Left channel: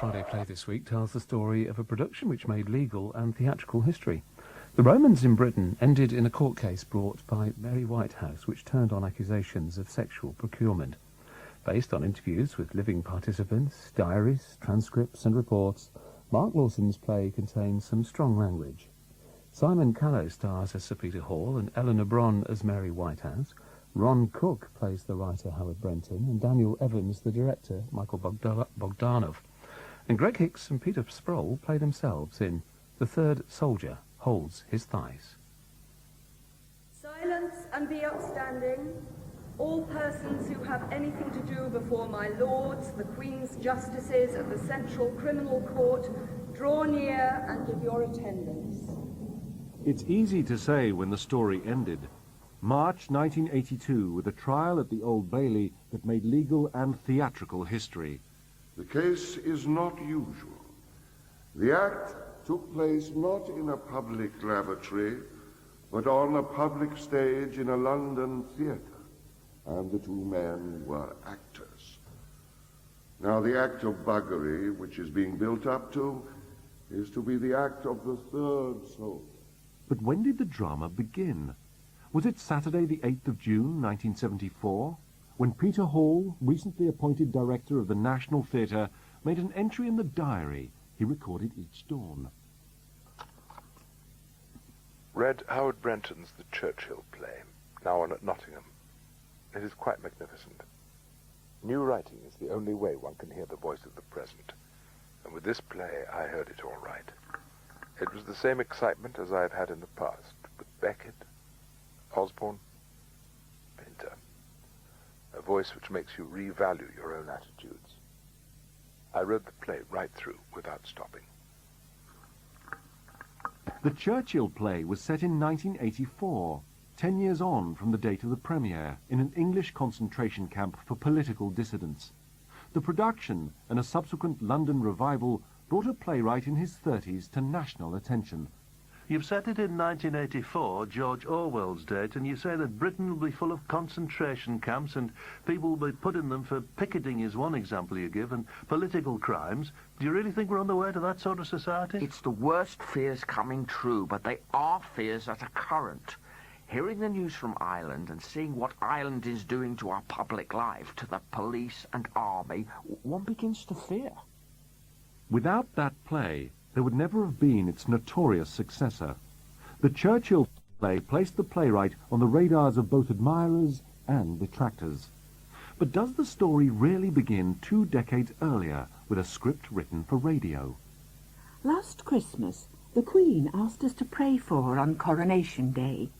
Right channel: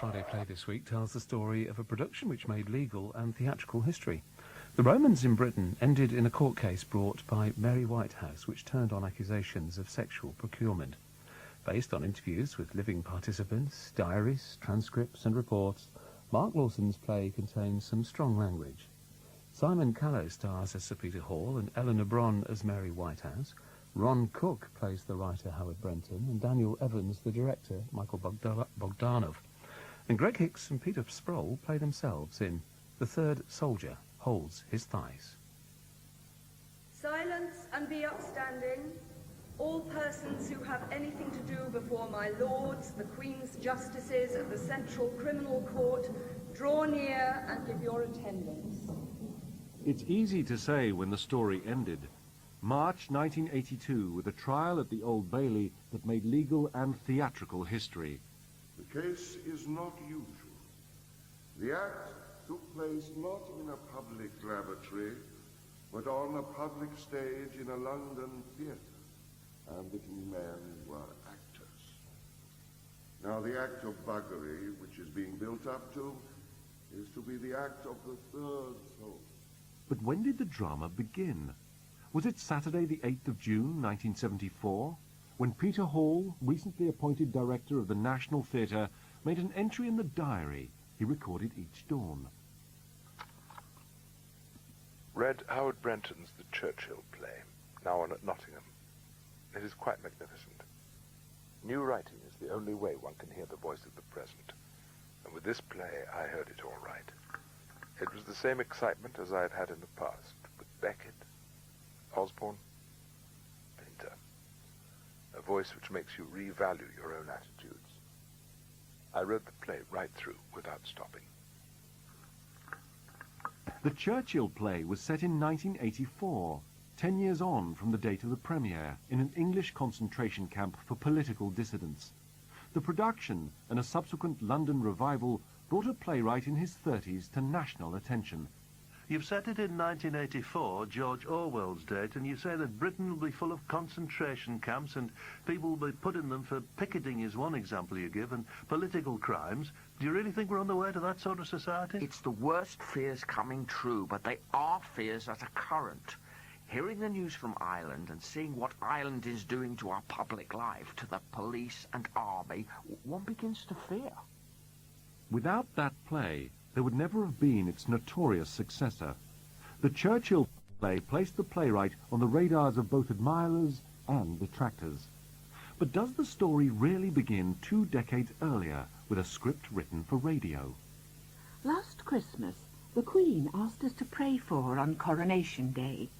Friday Play this week tells the story of a production which made legal and theatrical history. The Romans in Britain ended in a court case brought by Mary Whitehouse, which turned on accusations of sexual procurement. Based on interviews with living participants, diaries, transcripts and reports, Mark Lawson's play contains some strong language. Simon Callow stars as Sir Peter Hall and Eleanor Bron as Mary Whitehouse. Ron Cook plays the writer Howard Brenton, and Daniel Evans the director, Michael Bogdanov. And Greg Hicks and Peter Sproule play themselves in The Third Soldier Holds His Thighs. Silence and be upstanding, all persons who have anything to do before my lords, the Queen's justices of the Central Criminal Court, draw near and give your attendance. It's easy to say when the story ended. March 1982, with a trial at the Old Bailey that made legal and theatrical history. The case is not usual. The act took place not in a public lavatory, but on a public stage in a London theatre, and the two men were actors. Now the act of buggery, which is being built up to, is to be the act of the third soul. But when did the drama begin? Was it Saturday the 8th of June 1974, when Peter Hall, recently appointed director of the National Theatre, made an entry in the diary he recorded each dawn? Read Howard Brenton's The Churchill play, now on at Nottingham. It is quite magnificent. New writing is the only way one can hear the voice of the present, and with this play I heard it all right. It was the same excitement as I had had in the past, with Beckett, Osborne, Pinter. A voice which makes you revalue your own attitudes. I wrote the play right through without stopping. The Churchill play was set in 1984, 10 years on from the date of the premiere, in an English concentration camp for political dissidents. The production and a subsequent London revival brought a playwright in his 30s to national attention. You've set it in 1984, George Orwell's date, and you say that Britain will be full of concentration camps and people will be put in them for picketing is one example you give, and political crimes. Do you really think we're on the way to that sort of society? It's the worst fears coming true, but they are fears that are current. Hearing the news from Ireland and seeing what Ireland is doing to our public life, to the police and army, one begins to fear. Without that play, there would never have been its notorious successor. The Churchill play placed the playwright on the radars of both admirers and detractors. But does the story really begin 2 decades earlier with a script written for radio? Last Christmas, the Queen asked us to pray for her on Coronation Day.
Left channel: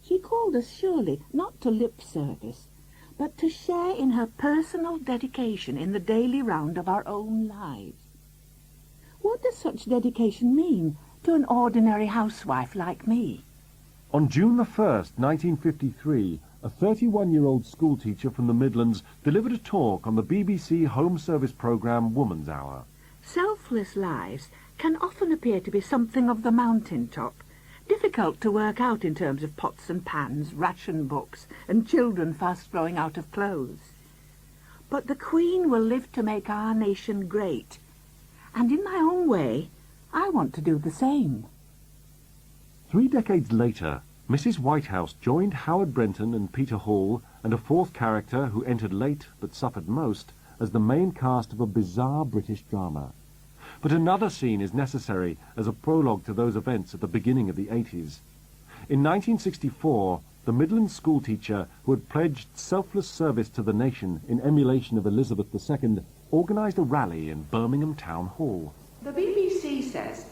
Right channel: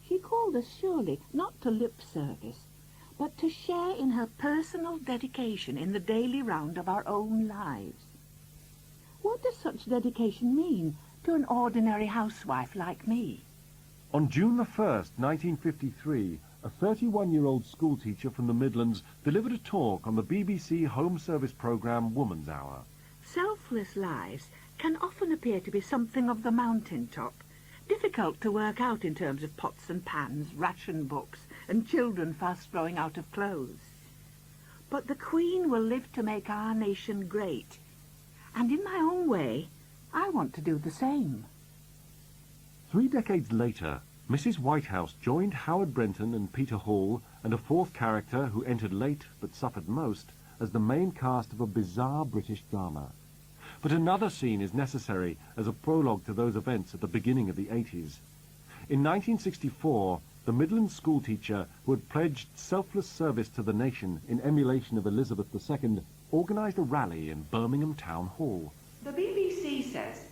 She called us surely not to lip service, but to share in her personal dedication in the daily round of our own lives. What does such dedication mean to an ordinary housewife like me? On June the 1st, 1953, a 31-year-old schoolteacher from the Midlands delivered a talk on the BBC Home Service programme Woman's Hour. Selfless lives can often appear to be something of the mountaintop, difficult to work out in terms of pots and pans, ration books, and children fast growing out of clothes. But the Queen will live to make our nation great, and in my own way, I want to do the same. 3 decades later, Mrs. Whitehouse joined Howard Brenton and Peter Hall and a fourth character who entered late but suffered most as the main cast of a bizarre British drama. But another scene is necessary as a prologue to those events at the beginning of the 80s. In 1964, the Midland schoolteacher who had pledged selfless service to the nation in emulation of Elizabeth II organised a rally in Birmingham Town Hall. The BBC says,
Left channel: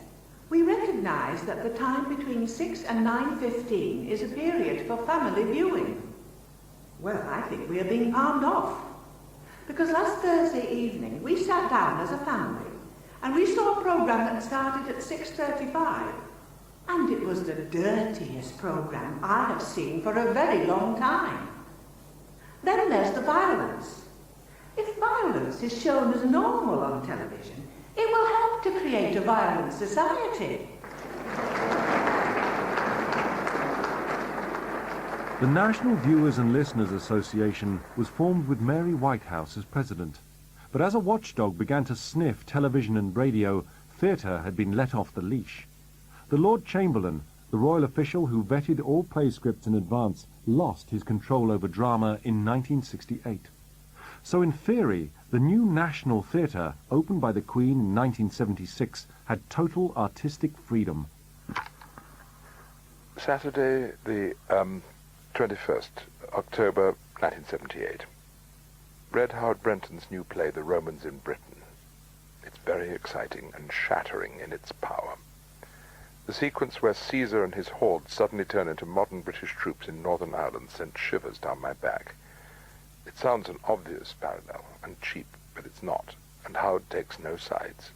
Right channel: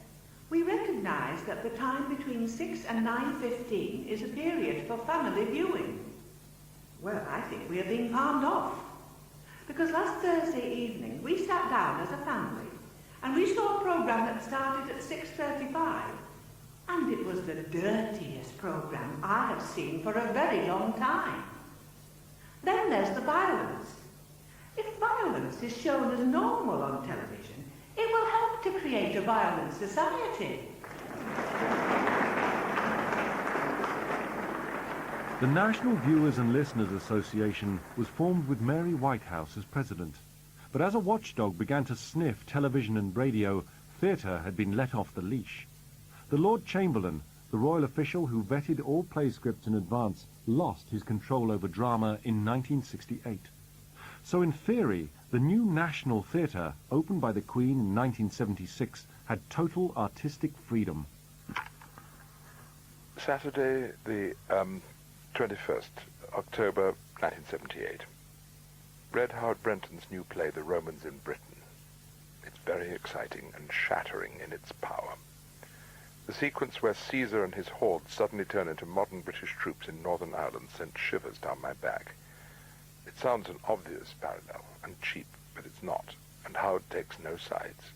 "We recognise that the time between 6 and 9:15 is a period for family viewing." Well, I think we are being palmed off. Because last Thursday evening we sat down as a family and we saw a programme that started at 6:35. And it was the dirtiest programme I have seen for a very long time. Then there's the violence. If violence is shown as normal on television, it will help to create a violent society. The National Viewers and Listeners Association was formed with Mary Whitehouse as president. But as a watchdog began to sniff television and radio, theatre had been let off the leash. The Lord Chamberlain, the royal official who vetted all play scripts in advance, lost his control over drama in 1968. So in theory, the new National Theatre, opened by the Queen in 1976, had total artistic freedom. Saturday, the 21st October 1978. Read Howard Brenton's new play, The Romans in Britain. It's very exciting and shattering in its power. The sequence where Caesar and his hordes suddenly turn into modern British troops in Northern Ireland sent shivers down my back. It sounds an obvious parallel and cheap, but it's not, and Howard takes no sides.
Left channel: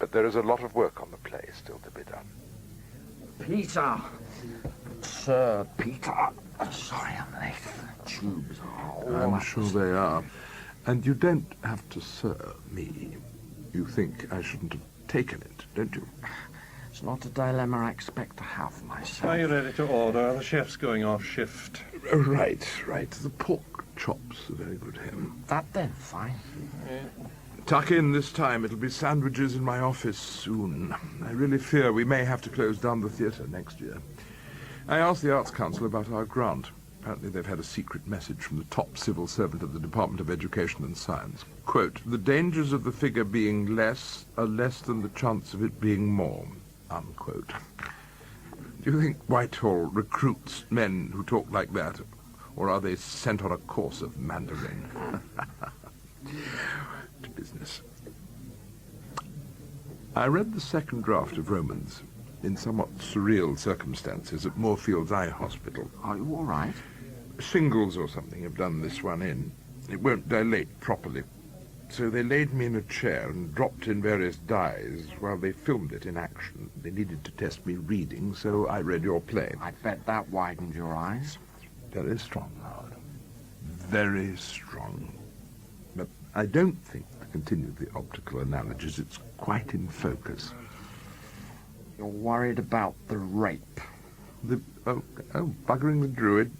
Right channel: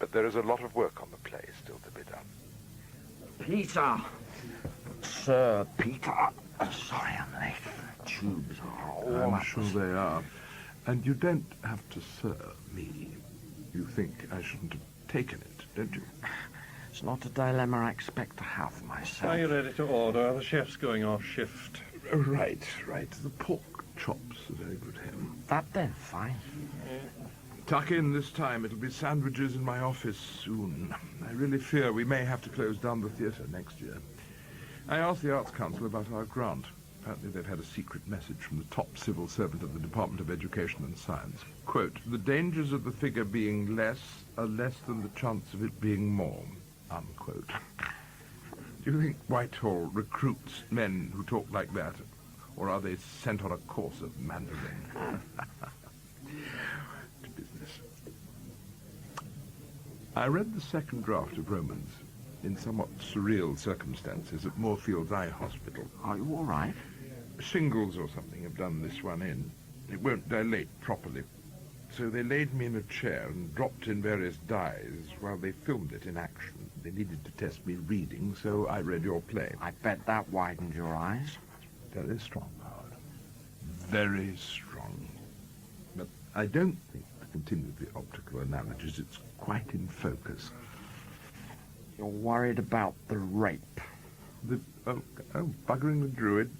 But there is a lot of work on the play still to be done. Peter! Sir Peter! Sorry I'm late. The tubes are all I'm sure they are. And you don't have to serve me. You think I shouldn't have taken it, don't you? It's not a dilemma I expect to have myself. Are you ready to order? The chef's going off shift. Right. The pork chops are very good here. That then, fine. Tuck in this time. It'll be sandwiches in my office soon. I really fear we may have to close down the theatre next year. I asked the Arts Council about our grant. Apparently they've had a secret message from the top civil servant at the Department of Education and Science. Quote, "The dangers of the figure being less are less than the chance of it being more." Unquote. Do you think Whitehall recruits men who talk like that, or are they sent on a course of Mandarin? To business. I read the second draft of Romans in somewhat surreal circumstances at Moorfields Eye Hospital. Are you all right? Shingles or something have done this one in. It won't dilate properly. So they laid me in a chair and dropped in various dyes while they filmed it in action. They needed to test me reading, so I read your play. I bet that widened your eyes. Very strong, Howard. Very strong. But I don't think I continued the optical analogies. It's quite in focus. You're worried about the rape. Buggering the druid?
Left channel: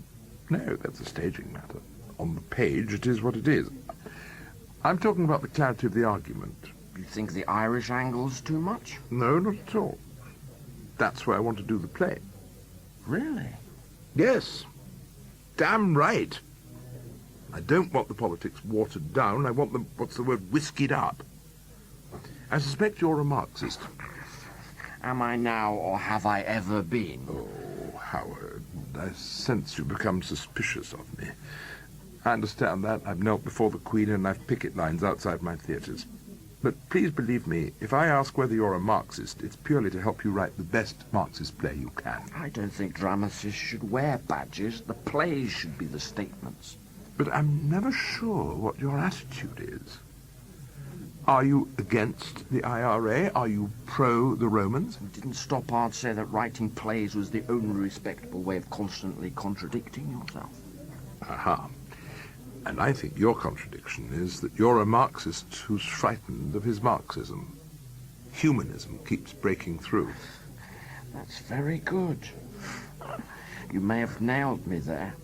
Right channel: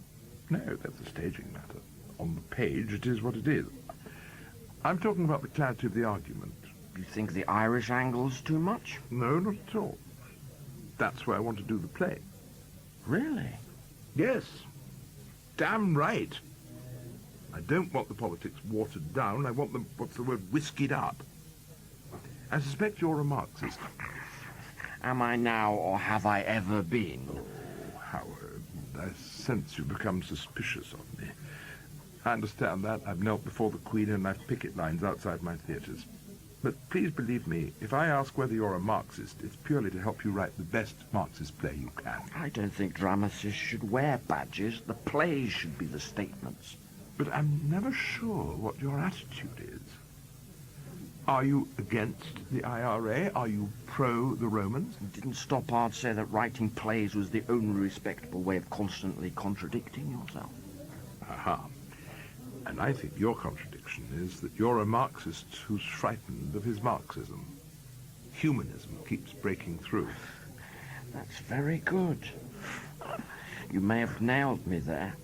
No, that's a staging matter. On the page, it is what it is. I'm talking about the clarity of the argument. You think the Irish angle's too much? No, not at all. That's why I want to do the play. Really? Yes. Damn right. I don't want the politics watered down. I want them, whiskied up. I suspect you're a Marxist. Am I now, or have I ever been? Oh, Howard, I sense you've become suspicious of me. I understand that. I've knelt before the Queen and I've picket lines outside my theatres. But please believe me, if I ask whether you're a Marxist, it's purely to help you write the best Marxist play you can. I don't think dramatists should wear badges. The plays should be the statements. But I'm never sure what your attitude is. Are you against the IRA? Are you pro the Romans? You didn't stop hard to say that writing plays was the only respectable way of constantly contradicting yourself. Aha. And I think your contradiction is that you're a Marxist who's frightened of his Marxism. Humanism keeps breaking through. That's very good. You may have nailed me there.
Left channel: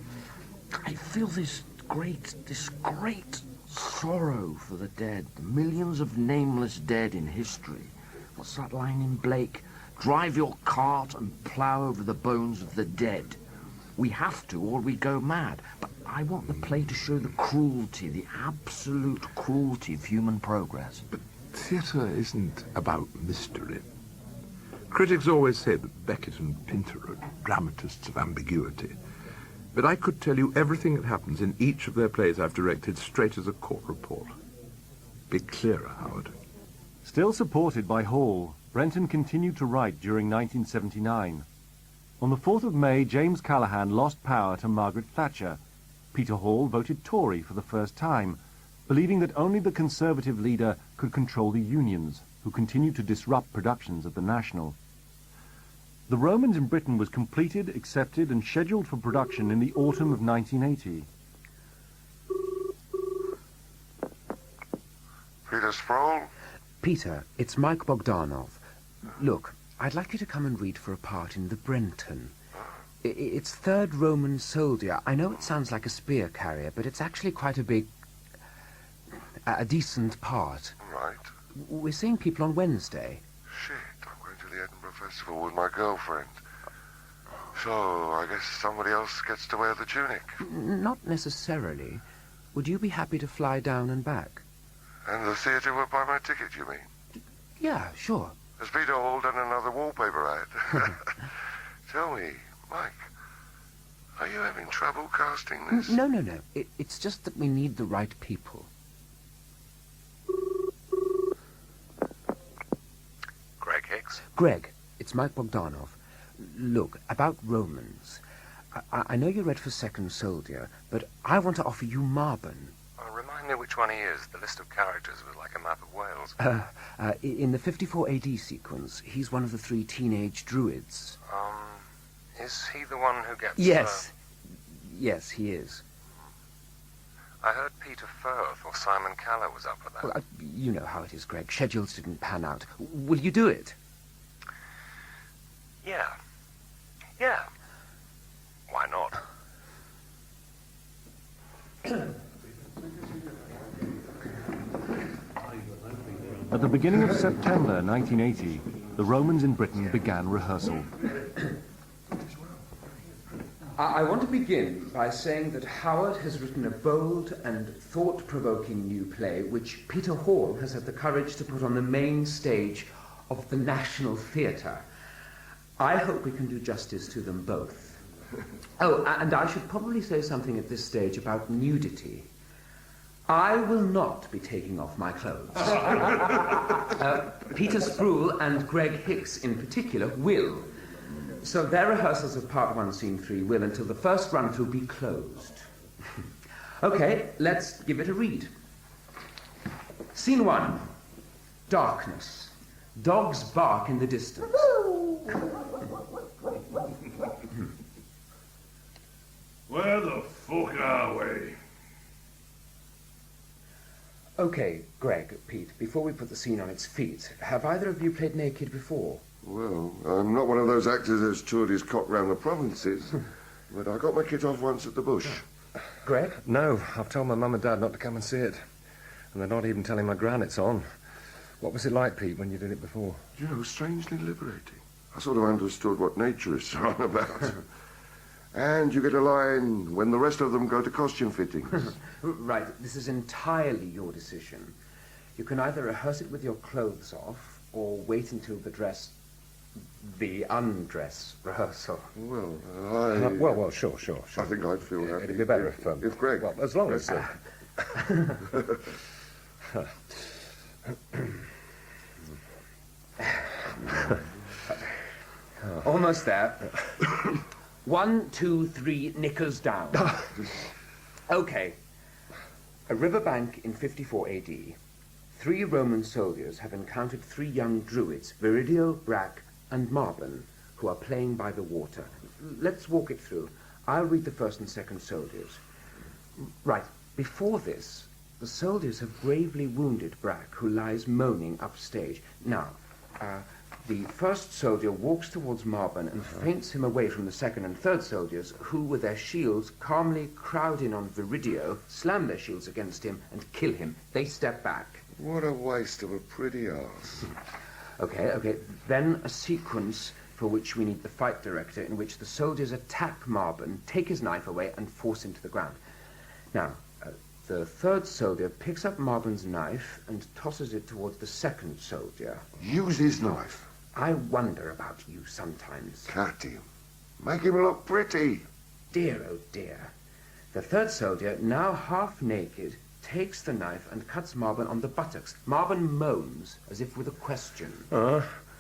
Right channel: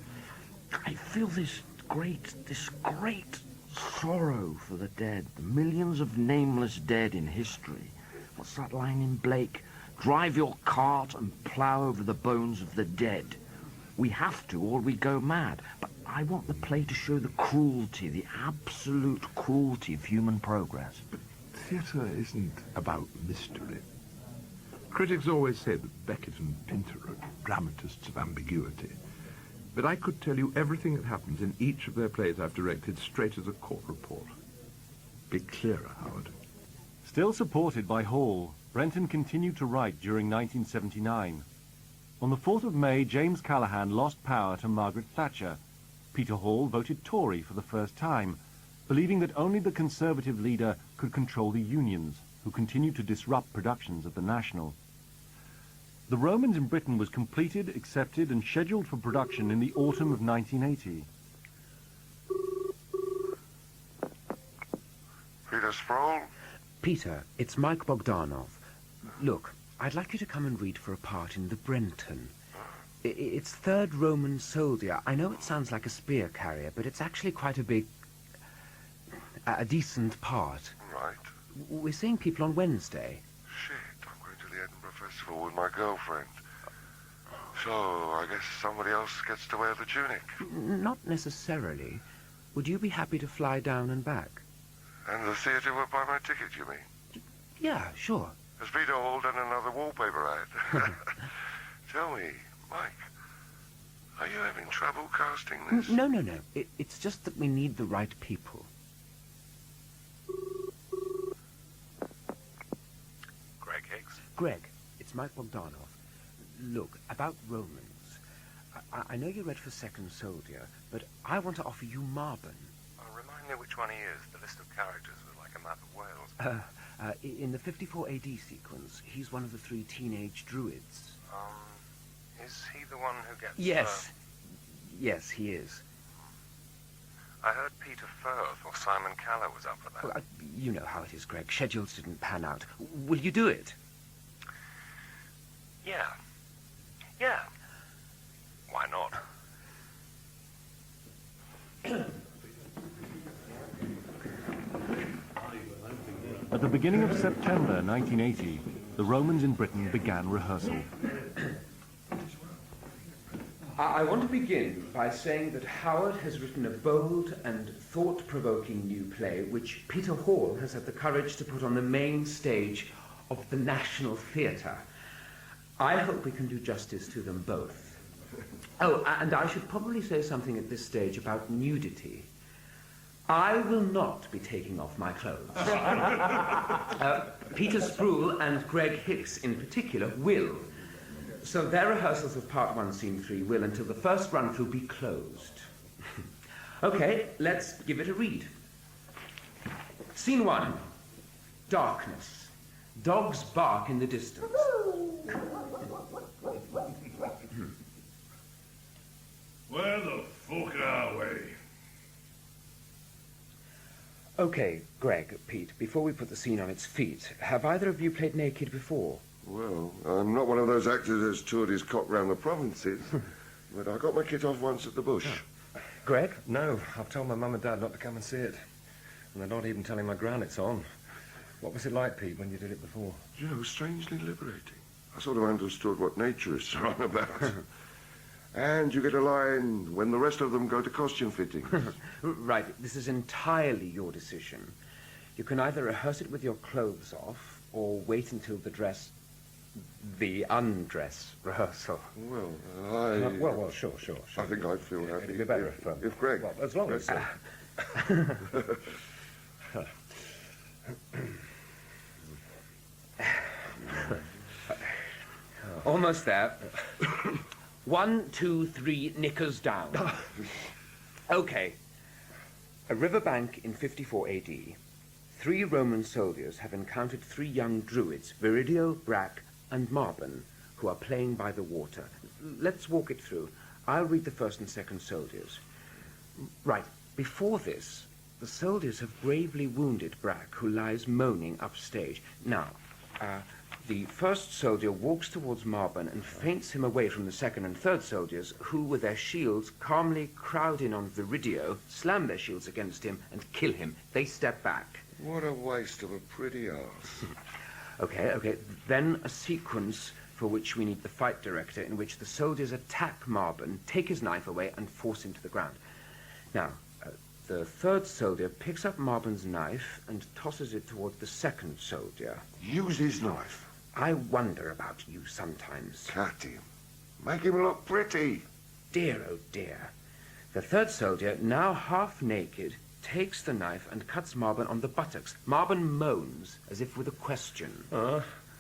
I feel this great sorrow for the dead, the millions of nameless dead in history. What's that line in Blake? Drive your cart and plough over the bones of the dead. We have to, or we go mad. But I want the play to show the cruelty, the absolute cruelty of human progress. But theatre isn't about mystery. Critics always say that Beckett and Pinter are dramatists of ambiguity. But I could tell you everything that happens in each of their plays I've directed straight as a court report. Be clearer, Howard. Still supported by Hall, Brenton continued to write during 1979. On the 4th of May, James Callaghan lost power to Margaret Thatcher. Peter Hall voted Tory for the first time, believing that only the Conservative leader could control the unions, who continued to disrupt productions at the National. The Romans in Britain was completed, accepted, and scheduled for production in the autumn of 1980. Peter Sproule? Peter, it's Mike Bogdanov. Look, I'd like you to come and read for a part in the Brenton. It's third Roman soldier. I know it sounds like a spear carrier, but it's actually quite a big... a decent part. Right. We're seeing people on Wednesday. Shit, I'm going to the Edinburgh Festival with my girlfriend. So, I guess somebody else gets to wear the tunic. Not necessarily. Would you be happy to fly down and back? And the theatre will buy my ticket, you mean? Yeah, sure. Has Peter Hall done another wallpaper ad? Tell me, Mike, are you having trouble casting this? No. It's just that we need the right people. Greg Hicks? Greg, it's Mike Bogdanov. Look, about Romans. I know you read for Second Soldier, but I want to offer you Marben. Remind me which one he is. The list of characters was like a map of Wales. In the 54 AD sequence, he's one of the 3 teenage druids. Is he the one who gets... Yes, he is. I heard Peter Firth or Simon Callow was up for that. Well, you know how it is, Greg. Schedules didn't pan out. Will you do it? Yeah. Why not? At the beginning of September 1980, the Romans in Britain began rehearsal. I want to begin by saying that Howard has written a bold and thought-provoking new play which Peter Hall has had the courage to put on the main stage of the National Theatre. I hope we can do justice to them both. Oh, and I should probably say something at this stage about nudity. I will not be taking off my clothes. Peter Sproule and Greg Hicks in particular will. So their rehearsals of Part 1, Scene 3 will, until the first run-through, be closed. Okay, let's give it a read. Scene 1. Darkness. Dogs bark in the distance. Where the fuck are we? Okay, Greg, Pete, before we put the scene on its feet, have either of you played naked before? Well, I'm not one of those actors that's toured his cock round the provinces, but I got my kit off once at the bush. Greg? No, I've told my mum and dad not to come and see it. And they're not even telling my gran it's on. What was it like, Pete, when you did it before? You know, strangely liberating. I sort of understood what naturists are on about. And you get a line when the rest of them go to costume fittings. Right, this is entirely your decision. You can either rehearse it with your clothes off, or wait until the undress rehearsal. Well, Well, sure. I think I'd feel happy. It'd be better if Greg... Well, as long as... Almost there. 1, 2, 3, knickers down. Okay. A riverbank in 54 AD. 3 Roman soldiers have encountered 3 young druids, Viridio, Brack, and Marben, who are playing by the water. Let's walk it through. I'll read the first and second soldiers. Right. Before this, the soldiers have gravely wounded Brack, who lies moaning upstage. Now, the first soldier walks towards Marben and feints him away from the second and third soldiers, who, with their shields, calmly crowd in on Viridio, slam their shields against him, and kill him. They step back. What a waste of a pretty arse. Okay. Then a sequence for which we need the fight director, in which the soldiers attack Marben, take his knife away, and force him to the ground. Now, the third soldier picks up Marben's knife and tosses it towards the second soldier. Use his knife. I wonder about you sometimes. Cut him. Make him look pretty. Dear, oh dear. The third soldier, now half naked, takes the knife and cuts Marben on the buttocks. Marben moans, as if with a question.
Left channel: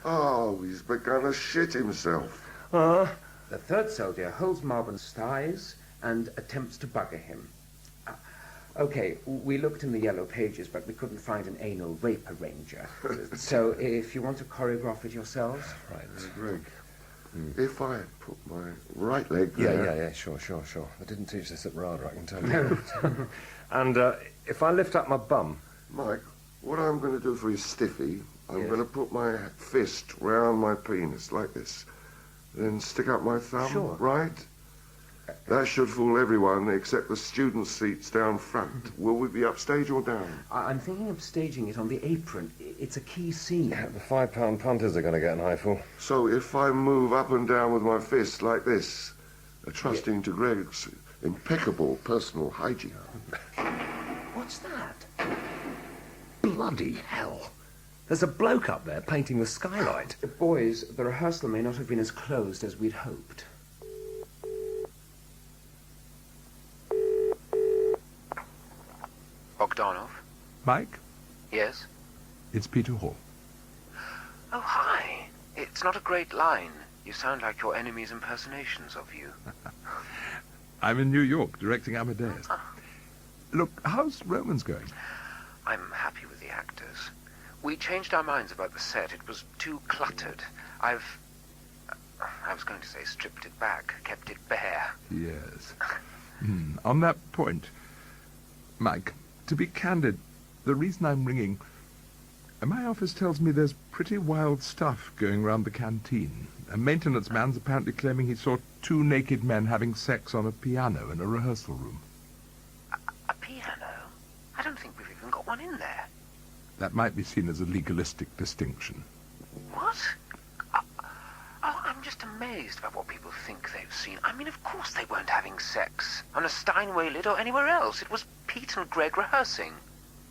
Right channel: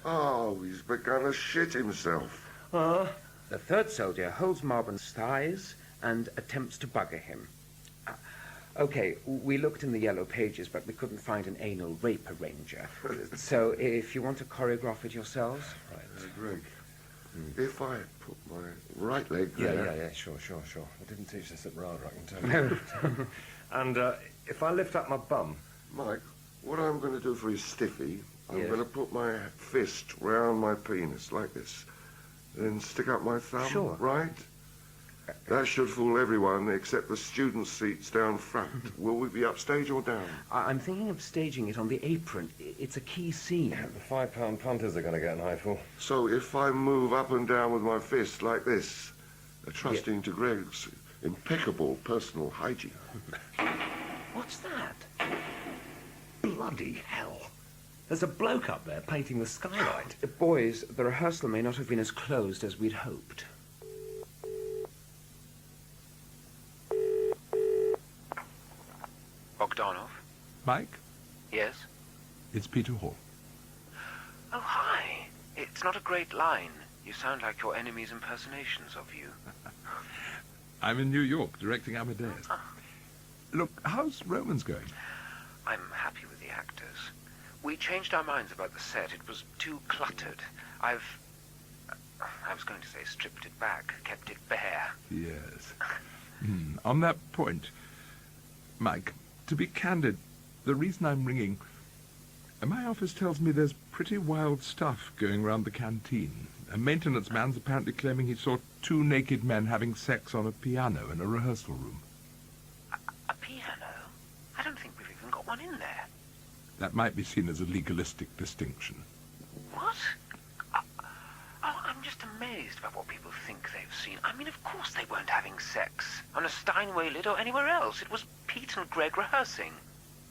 Oh, he's begun to shit himself. The third soldier holds Marben's thighs and attempts to bugger him. Okay, we looked in the yellow pages, but we couldn't find an anal rape arranger. So if you want to choreograph it yourselves... Right. Greg, if I had put my right leg Yeah, there... sure. I didn't teach this at RADA, I can tell you. And if I lift up my bum... Mike, what I'm going to do for his stiffy, I'm going to put my fist round my penis, like this. Then stick up my thumb, Sure. right? That should fool everyone except the student seats down front. Will we be upstage or down? I'm thinking of staging it on the apron. It's a key scene. The £5 punters are going to get an eyeful. So if I move up and down with my fist like this, trusting to Greg's impeccable personal hygiene. What's that? Bloody hell. There's a bloke up there painting the skylight. Boys, the rehearsal may not have been as closed as we'd hoped. Bogdanov? Mike, Yes? it's Peter Hall. Oh, hi. It's not a great line. You sound like your enemy's impersonations of you. I'm in New York, directing Amadeus. Look, how's Romans going? I'm happy with the actors. We changed our minds about the set. It was too cluttered. I was going to say stripped it back, kept it bare. Yes. On that point, Mike, to be candid, the reason I'm ringing, my office tells me there's pretty wild stuff going round the canteen. A maintenance man's apparently claiming he saw 2 naked men having sex on a piano in a rehearsal room. A piano? I don't think we've even got one in there. That might be seen as a legalistic distinction. What? I'm just amazed by what people think they've seen. I mean, of course they weren't having sex on a Steinway lid or anywhere else. It was Pete and Greg rehearsing.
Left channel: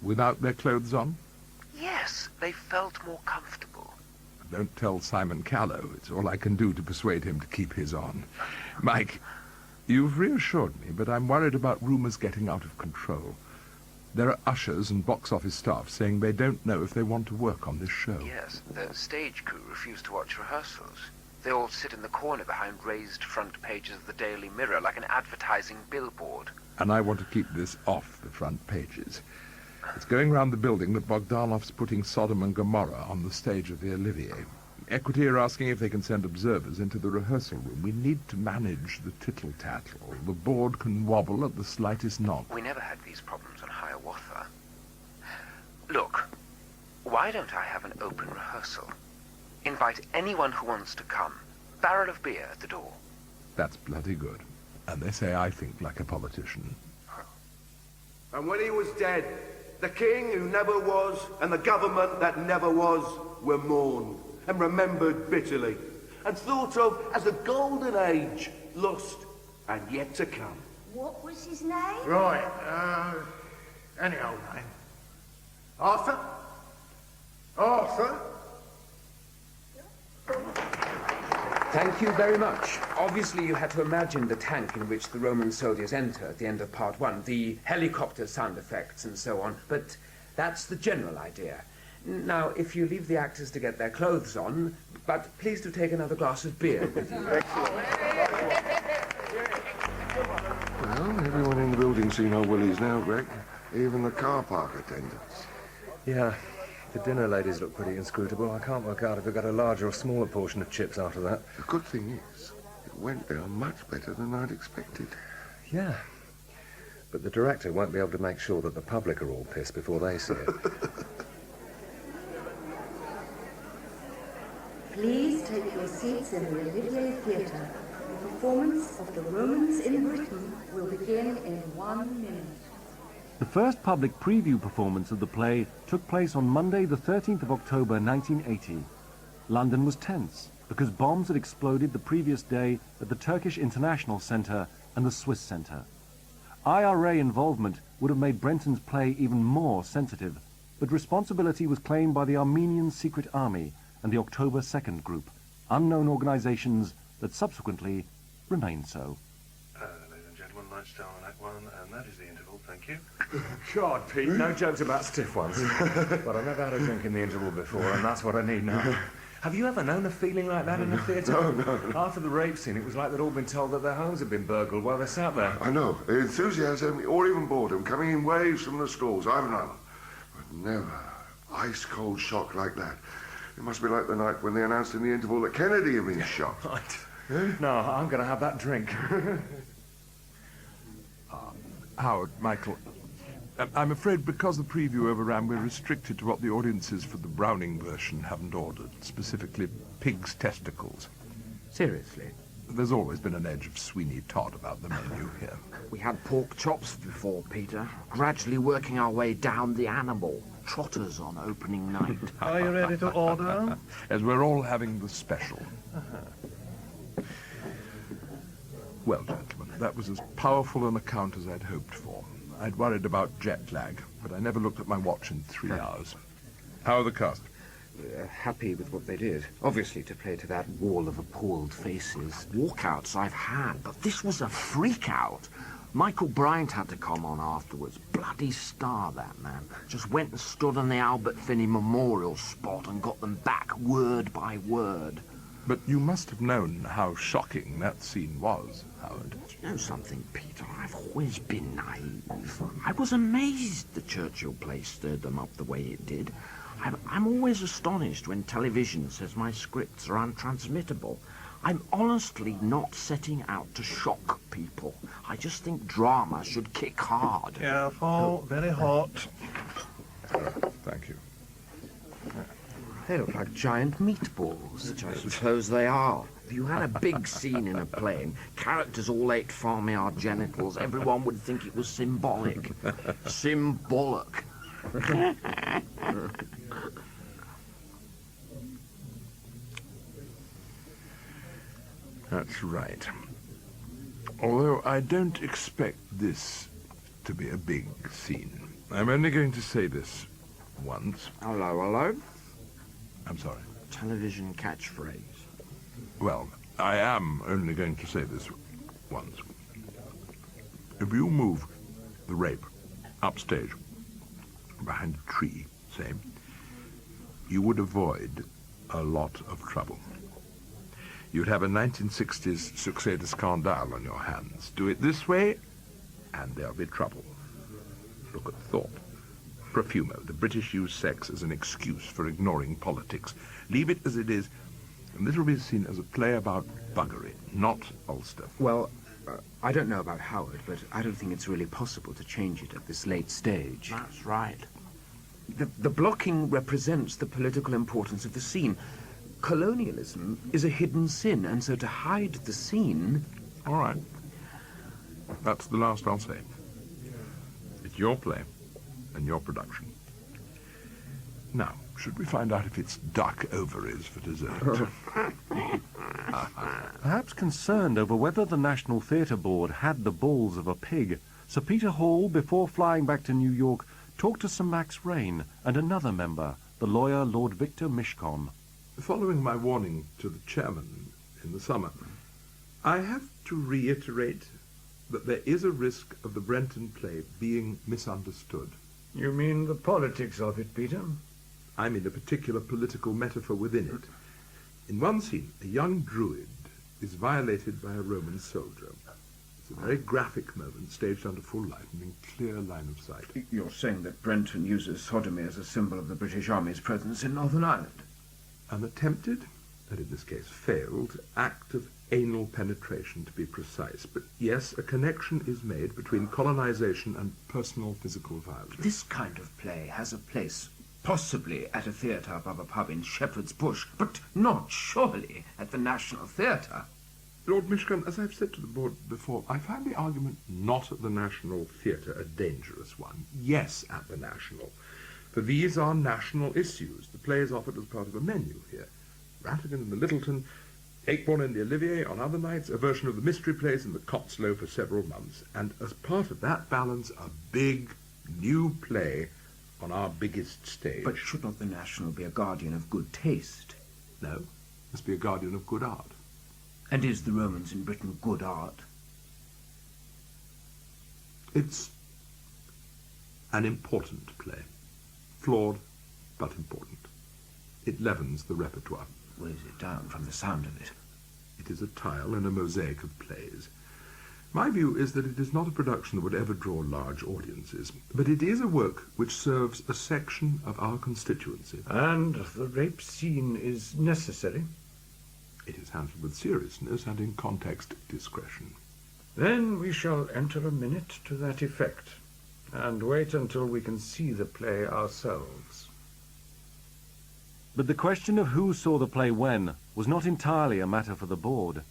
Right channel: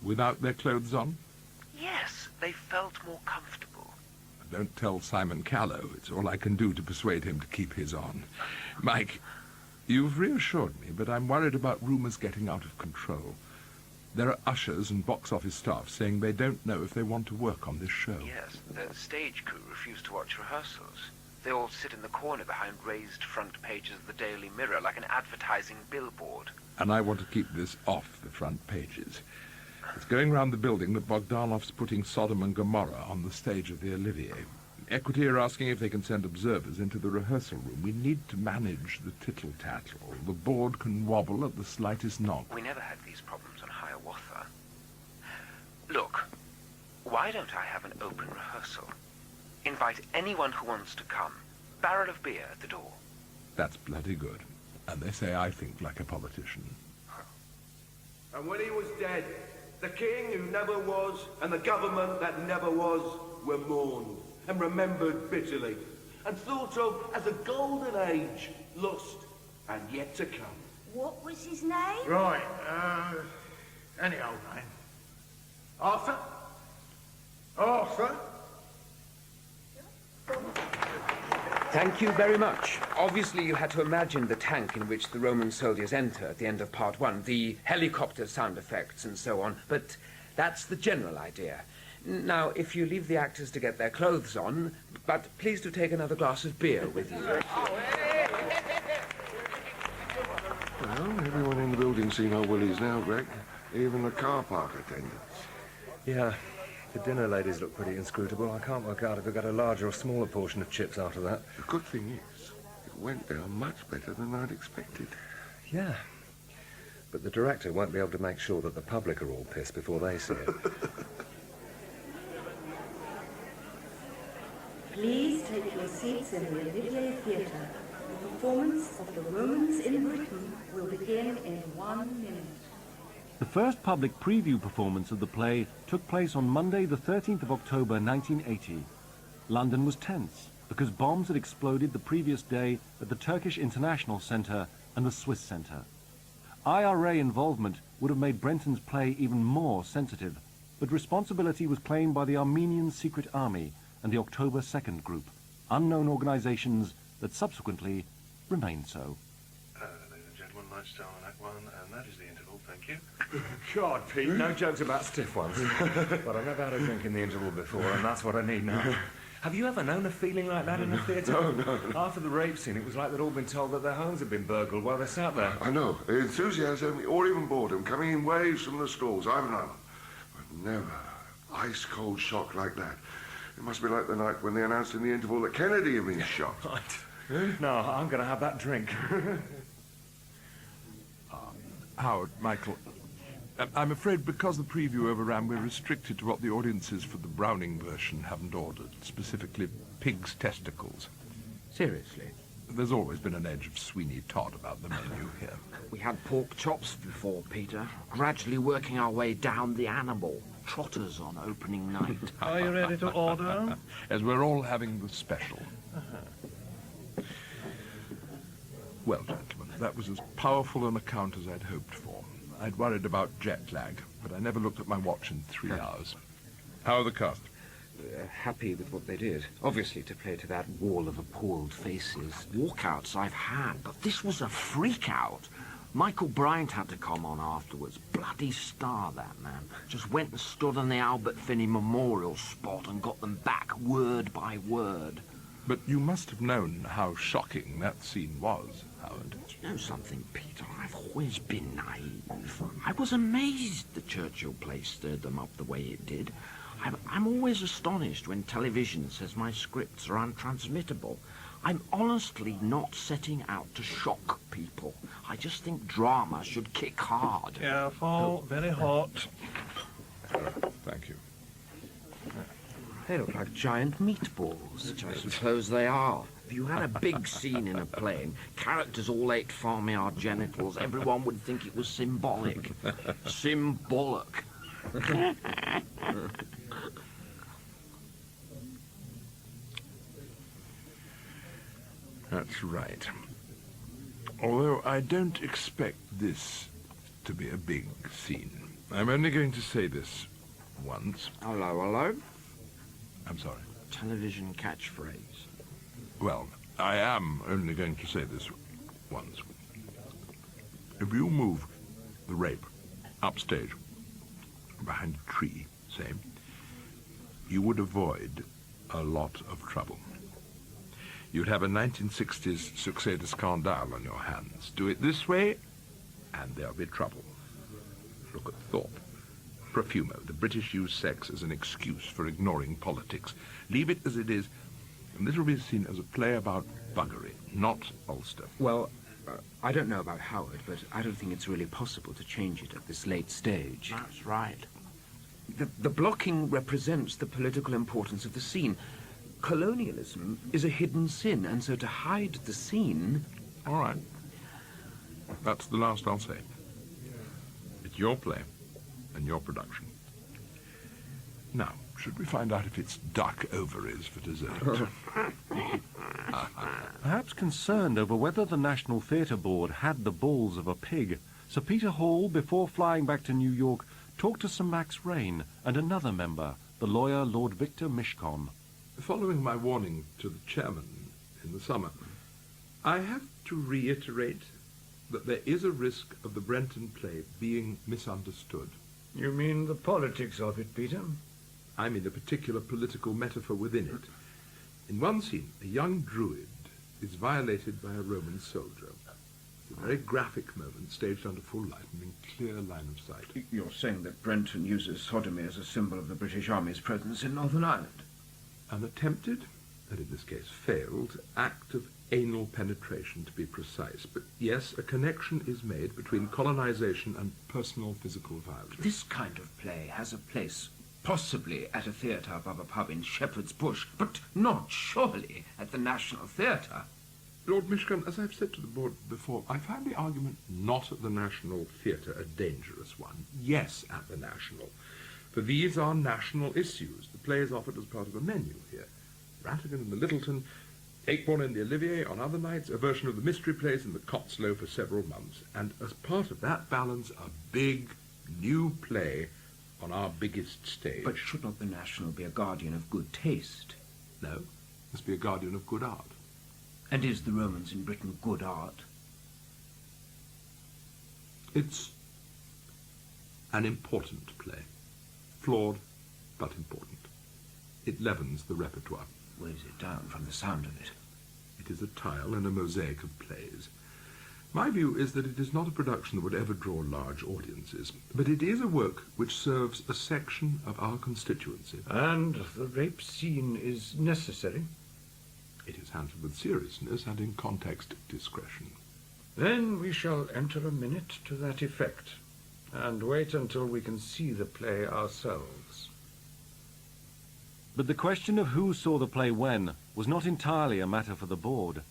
Without their clothes on? Yes, they felt more comfortable. Don't tell Simon Callow. It's all I can do to persuade him to keep his on. Mike, you've reassured me, but I'm worried about rumours getting out of control. There are ushers and box office staff saying they don't know if they want to work on this show. Yes, the stage crew refuse to watch rehearsals. They all sit in the corner behind raised front pages of the Daily Mirror like an advertising billboard. And I want to keep this off the front pages. It's going round the building that Bogdanov's putting Sodom and Gomorrah on the stage of the Olivier. Equity are asking if they can send observers into the rehearsal room. We need to manage the tittle-tattle. The board can wobble at the slightest knock. We never had these problems on Hiawatha. Look, why don't I have an open rehearsal? Invite anyone who wants to come. Barrel of beer at the door. That's bloody good. And they say I think like a politician. And when he was dead, the king who never was and the government that never was were mourned and remembered bitterly and thought of as a golden age lost and yet to come. What was his name? Right, any old name. Arthur? Arthur? Thank you very much. Obviously, you had to imagine the tank in which the Roman soldiers enter at the end of Part 1, the helicopter sound effects and so on, but that's the general idea. Now, if you leave the actors to get their clothes on, but please do take another glass of beer with you. Well, everyone in the building's seen how well he's now, Greg. Even the car park attendants. Yeah, the dinner ladies look pretty inscrutable. I can't work out if we got a larger or smaller portion of chips after that. The good thing is, it went down much better than I'd expected. Yeah. But the director won't be able to make sure that the public are all pissed before they see it. Please take your seats in the Olivier Theatre. The performance of the Romans in Britain will begin in 1 minute. The first public preview performance of the play took place on Monday, the 13th of October, 1980. London was tense because bombs had exploded the previous day at the Turkish International Centre and the Swiss Centre. IRA involvement would have made Brenton's play even more sensitive, but responsibility was claimed by the Armenian Secret Army and the October 2nd Group, unknown organizations that subsequently remained so. Ladies and gentlemen, nice down on that one, and that is the interval, thank you. God, Pete, no jokes about stiff ones. But I've never had a drink in the interval before, and that's what I need now. Have you ever known a feeling like that in a theatre? No. After the rape scene, it was like they'd all been told that their homes had been burgled while they sat there. I know. Enthusiasm or even boredom coming in waves from the stalls. I've none. But never ice-cold shock like that. It must be like the night when they announced in the interval that Kennedy had been shot. Right. No, I'm going to have that drink. Howard, Michael, I'm afraid because the preview overran, we're restricted to what the audiences for the Browning version haven't ordered, specifically pig's testicles. Seriously? There's always been an edge of Sweeney Todd about the menu here. We had pork chops before, Peter, gradually working our way down the animal. Trotters on opening night. Are you ready to order? As we're all having the special. Well, gentlemen, that was as powerful an account as I'd hoped for. I'd worried about jet lag, but I never looked at my watch in 3 hours. How are the cast? Happy with what they did. Obviously, to play to that wall of appalled faces. Walkouts I've had, but this was a freak-out. Michael Bryant had to come on afterwards. Bloody star, that man. Just went and stood on the Albert Finney memorial spot and got them back word by word. But you must have known how shocking that scene was, Howard. Do you know something, Peter? I've always been naive. I was amazed the Churchill play stirred them up the way it did. I'm always astonished when television says my scripts are untransmittable. I'm honestly not setting out to shock people. I just think drama should kick hard. Careful, very hot. Thank you. They look like giant meatballs, which I suppose they are. If you had a big scene in a play and characters all ate farmyard genitals, everyone would think it was symbolic. Symbolic. That's right. Although I don't expect this to be a big scene. I'm only going to say this once. Hello? I'm sorry. Television catchphrase. Well, I am only going to say this once. If you move the rape upstage, behind a tree, say, you would avoid a lot of trouble. You'd have a 1960s succès de scandale on your hands. Do it this way, and there'll be trouble. Look at thought. Profumo. The British use sex as an excuse for ignoring politics. Leave it as it is, and this will be seen as a play about buggery, not Ulster. Well, I don't know about Howard, but I don't think it's really possible to change it at this late stage. That's right. The blocking represents the political importance of the scene. Colonialism is a hidden sin, and so to hide the scene... All right. That's the last I'll say. It's your play and your production. Now, should we find out if it's duck ovaries for dessert? Perhaps concerned over whether the National Theatre Board had the balls of a pig, Sir Peter Hall, before flying back to New York, talked to Sir Max Rain and another member, the lawyer Lord Victor Mishcon. Following my warning to the chairman in the summer, I have to reiterate that there is a risk of the Brenton play being misunderstood. You mean the politics of it, Peter? I mean a particular political metaphor within it. In one scene, a young druid is violated by a Roman soldier. It's a very graphic moment, staged under full light and in clear line of sight. You're saying that Brenton uses sodomy as a symbol of the British Army's presence in Northern Ireland? An attempted, and in this case failed, act of anal penetration, to be precise. But yes, a connection is made between colonization and personal physical violence. This kind of play has a place, possibly at a theatre above a pub in Shepherd's Bush, but not surely at the National Theatre. Lord Mishcon, as I've said to the board before, I find the argument not at the National Theatre a dangerous one. Yes, at the National. For these are national issues. The play is offered as part of a menu here. Rattigan in the Littleton, Akeborn in the Olivier on other nights, a version of the Mystery Plays in the Cotslow for several months. And as part of that balance, a big, new play on our biggest stage. But should not the National be a guardian of good taste? No, must be a guardian of good art. And is the Romans in Britain good art? It's an important play. Flawed, but important. It leavens the repertoire. Weighs it down from the sound of it. It is a tile in a mosaic of plays. My view is that it is not a production that would ever draw large audiences, but it is a work which serves a section of our constituency. And the rape scene is necessary? It is handled with seriousness and in context discretion. Then we shall enter a minute to that effect, and wait until we can see the play ourselves. But the question of who saw the play when was not entirely a matter for the board.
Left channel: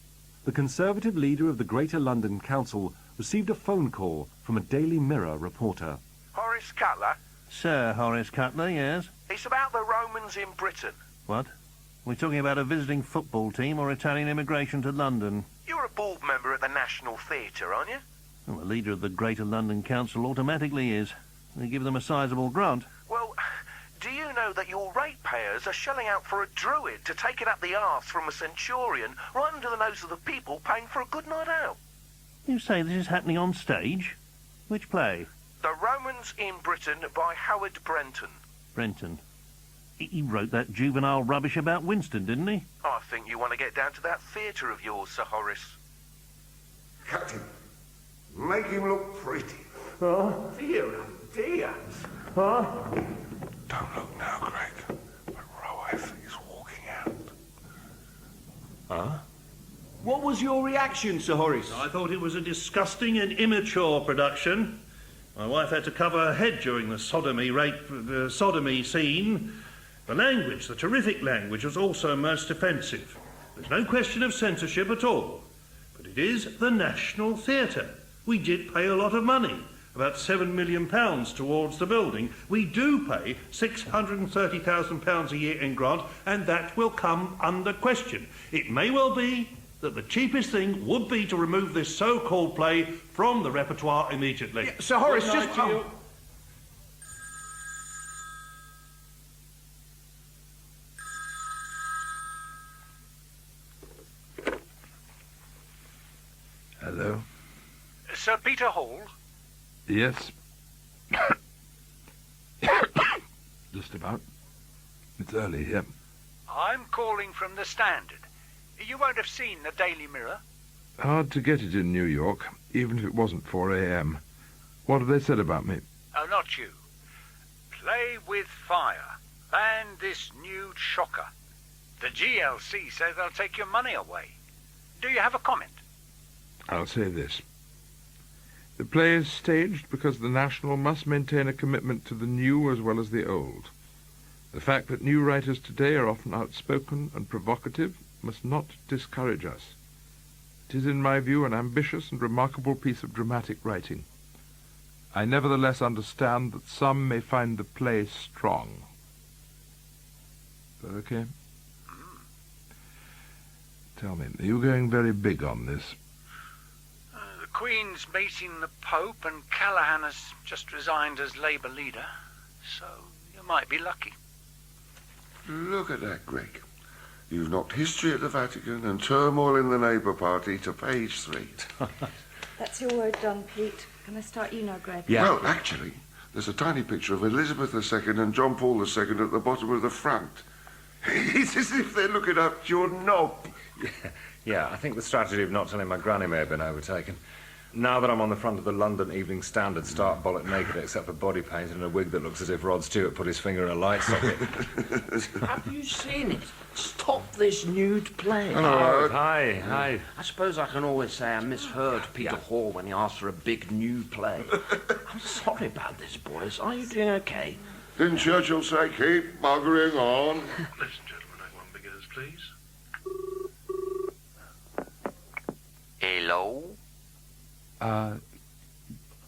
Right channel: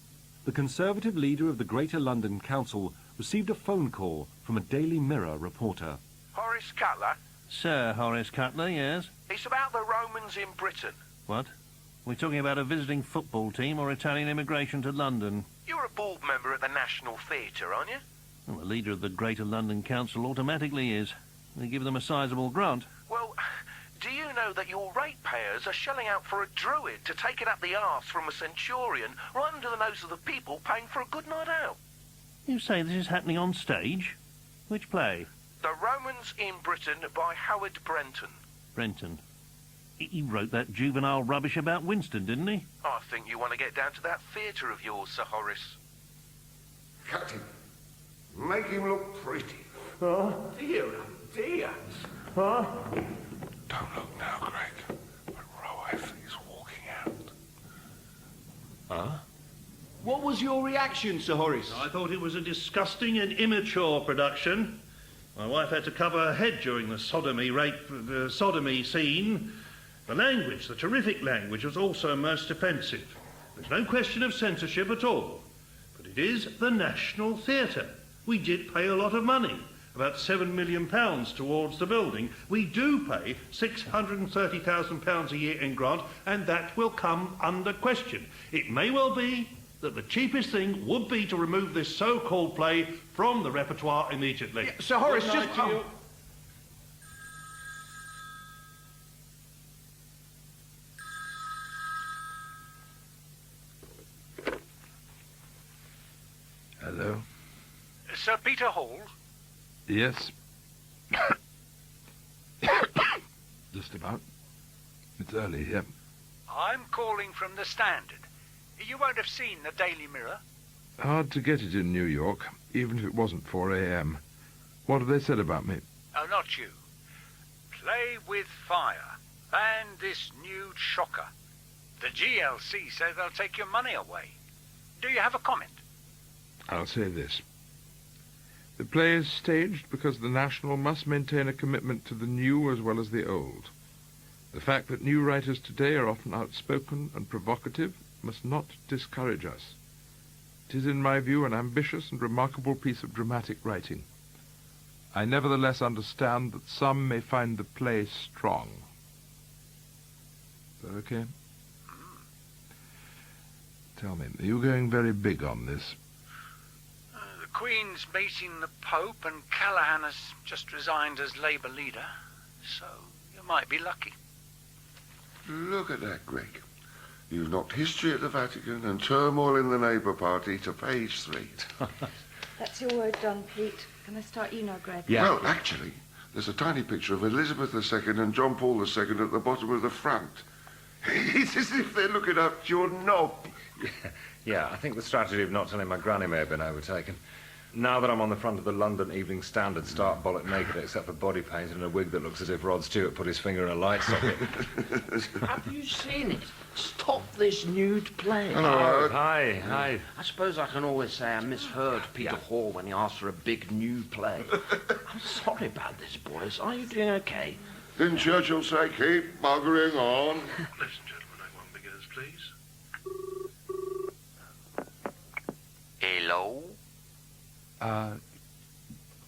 the Conservative leader of the Greater London Council received a phone call from a Daily Mirror reporter. Horace Cutler? Sir Horace Cutler, yes? It's about the Romans in Britain. What? We're talking about a visiting football team or Italian immigration to London? You're a board member at the National Theatre, aren't you? Well, the leader of the Greater London Council automatically is. They give them a sizable grant. Well, do you know that your ratepayers are shelling out for a druid to take it up the arse from a centurion right under the nose of the people paying for a good night out? You say this is happening on stage? Which play? The Romans in Britain by Howard Brenton. Brenton. He wrote that juvenile rubbish about Winston, didn't he? I think you want to get down to that theatre of yours, Sir Horace. Captain, make him look pretty. Oh, dear, dear. Huh? Don't look now, Greg. The row F is walking out. Huh? What was your reaction, Sir Horace? I thought it was a disgusting and immature production. My wife had to cover her head during the sodomy scene. The language, the terrific language, was also most offensive. There's no question of censorship at all. But it is the National Theatre. We did pay a lot of money, about £7 million towards the building. We do pay £630,000 a year in grant, and that will come under question. It may well be that the cheapest thing would be to remove this so-called play from the repertoire immediately. Yeah, Sir Horace, just... Hello? Sir Peter Hall? Yes. Just about. It's early here. I'm calling from the Standard. You won't have seen the Daily Mirror. Hard to get it in New York, even if it wasn't 4 a.m. What have they said about me? Oh, not you. Play with fire. Ban this nude shocker. The GLC say they'll take your money away. Do you have a comment? I'll say this. The play is staged because the National must maintain a commitment to the new as well as the old. The fact that new writers today are often outspoken and provocative must not discourage us. It is, in my view, an ambitious and remarkable piece of dramatic writing. I nevertheless understand that some may find the play strong. Is that okay? Tell me, are you going very big on this? The Queen's meeting the Pope, and Callahan has just resigned as Labour leader, so you might be lucky. Look at that, Greg. You've knocked history at the Vatican and turmoil in the Labour Party to page 3. That's your word done, Pete. Can I start you now, Greg? Yeah. Well, actually, there's a tiny picture of Elizabeth II and John Paul II at the bottom of the front. It's as if they're looking up your knob. Yeah, I think the strategy of not telling my granny may have been overtaken. Now that I'm on the front of the London Evening Standard, stark bollock naked except for body paint and a wig that looks as if Rod Stewart put his finger in a light socket. Have you seen it? Stop this nude play. Oh, hi. I suppose I can always say I misheard Peter Hall when he asked for a big new play. I'm sorry about this, boys. Are you doing okay? Didn't Churchill say keep buggering on? Listen, gentlemen, Act 1 begins, please. Hello?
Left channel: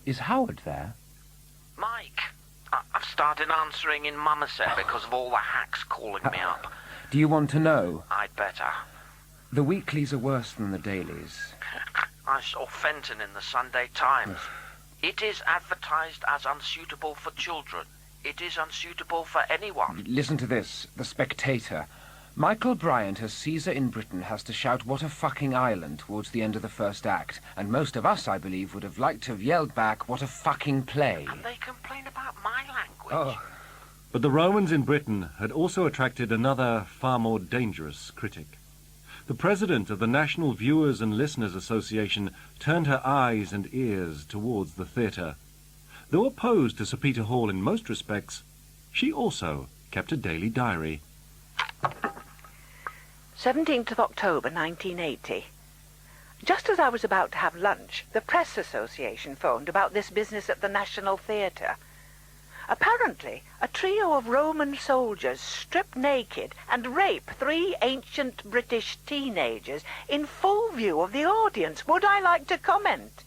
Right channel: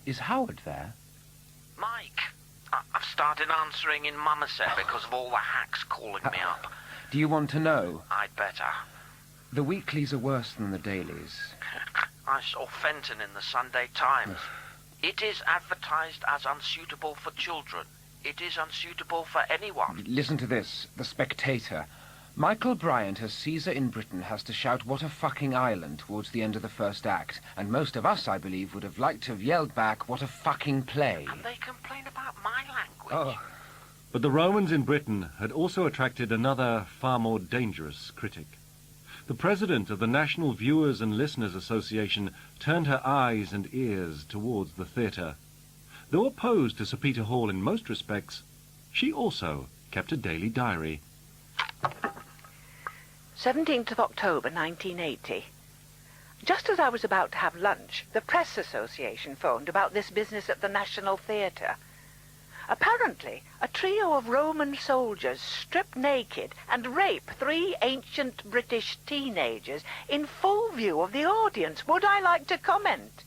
Is Howard there? Mike, I've started answering in Somerset because of all the hacks calling me up. Do you want to know? I'd better. The weeklies are worse than the dailies. I saw Fenton in the Sunday Times. It is advertised as unsuitable for children. It is unsuitable for anyone. Listen to this. The Spectator. Michael Bryant as Caesar in Britain has to shout "what a fucking island" towards the end of the first act, and most of us, I believe, would have liked to have yelled back "what a fucking play." And they complain about my language. Oh. But the Romans in Britain had also attracted another, far more dangerous critic. The president of the National Viewers and Listeners Association turned her eyes and ears towards the theatre. Though opposed to Sir Peter Hall in most respects, she also kept a daily diary. 17th of October 1980. Just as I was about to have lunch, the Press Association phoned about this business at the National Theatre. Apparently, a trio of Roman soldiers strip naked and rape 3 ancient British teenagers in full view of the audience. Would I like to comment?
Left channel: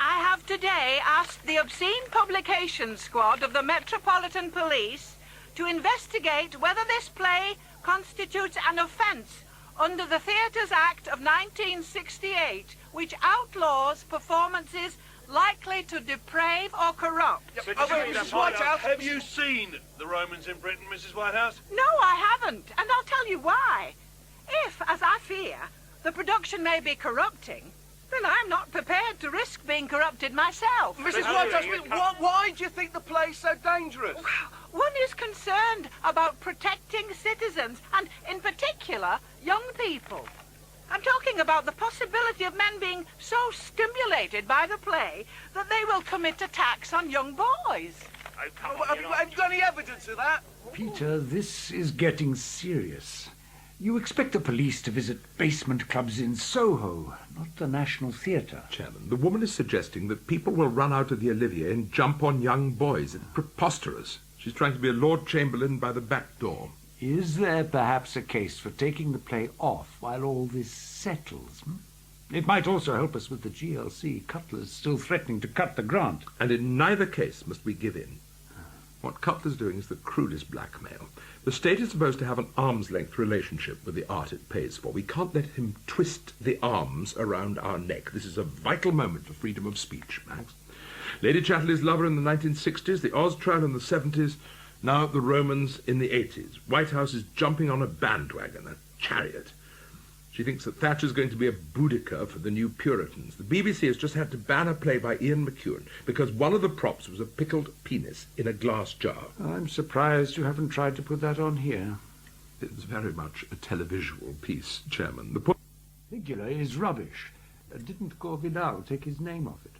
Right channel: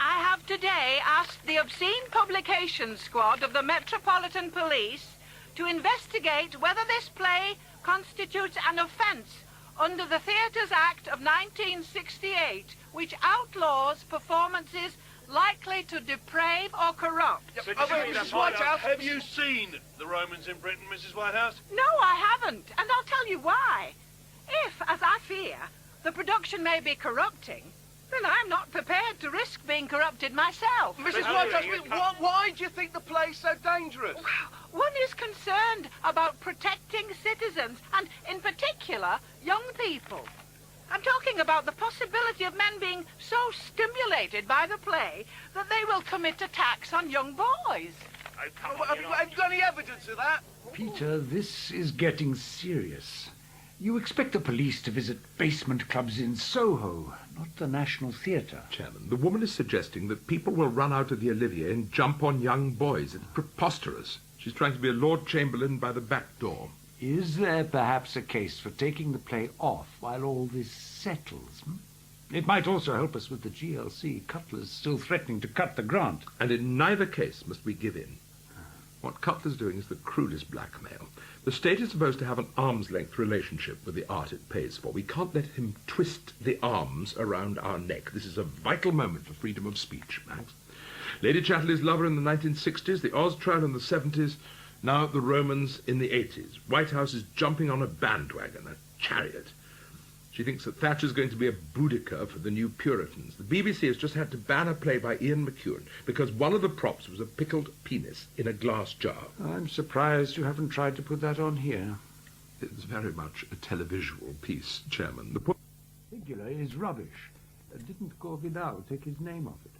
I have today asked the Obscene Publications Squad of the Metropolitan Police to investigate whether this play constitutes an offence under the Theatres Act of 1968, which outlaws performances likely to deprave or corrupt. Mrs. Whitehouse, have you seen the Romans in Britain, Mrs. Whitehouse? No, I haven't, and I'll tell you why. If, as I fear, the production may be corrupting, then I'm not prepared to risk being corrupted myself. Mrs. Whitehouse, why do you think the play's so dangerous? One is concerned about protecting citizens, and in particular, young people. I'm talking about the possibility of men being so stimulated by the play that they will commit attacks on young boys. Have you got any evidence of that? Peter, this is getting serious. You expect the police to visit basement clubs in Soho, not the National Theatre. Chairman, the woman is suggesting that people will run out of the Olivier and jump on young boys. It's preposterous. She's trying to be a Lord Chamberlain by the back door. Is there perhaps a case for taking the play off while all this settles? It might also help us with the GLC. Cutler's still threatening to cut the grant. And in neither case must we give in. What Cutler's doing is the crudest blackmail. The state is supposed to have an arm's-length relationship with the art it pays for. We can't let him twist the arms around our neck. This is a vital moment for freedom of speech, Max. Lady Chatterley's lover in the 1960s, the Oz trial in the 70s, now the Romans in the 80s. Whitehouse is jumping on a bandwagon, a chariot. She thinks that Thatcher's going to be a Boudicca for the new Puritans. The BBC has just had to ban a play by Ian McEwan because one of the props was a pickled penis in a glass jar. I'm surprised you haven't tried to put that on here. It was very much a televisual piece, Chairman. The Figula is rubbish. Didn't Corvinal take his name off it?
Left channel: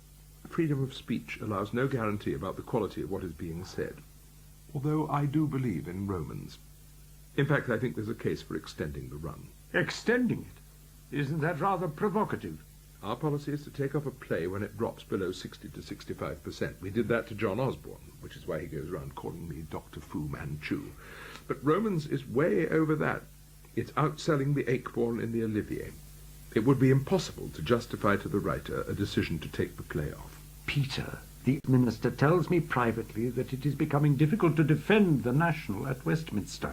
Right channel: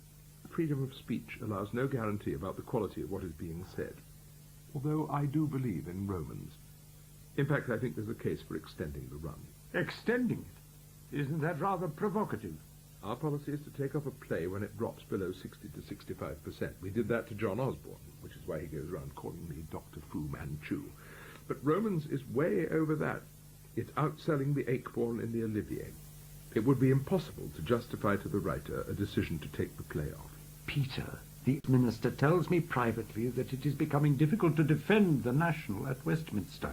Freedom of speech allows no guarantee about the quality of what is being said, although I do believe in Romans. In fact, I think there's a case for extending the run. Extending it? Isn't that rather provocative? Our policy is to take off a play when it drops below 60 to 65%. We did that to John Osborne, which is why he goes around calling me Dr. Fu Manchu. But Romans is way over that. It's outselling the Acheborn in the Olivier. It would be impossible to justify to the writer a decision to take the play off. Peter, the minister tells me privately that it is becoming difficult to defend the National at Westminster.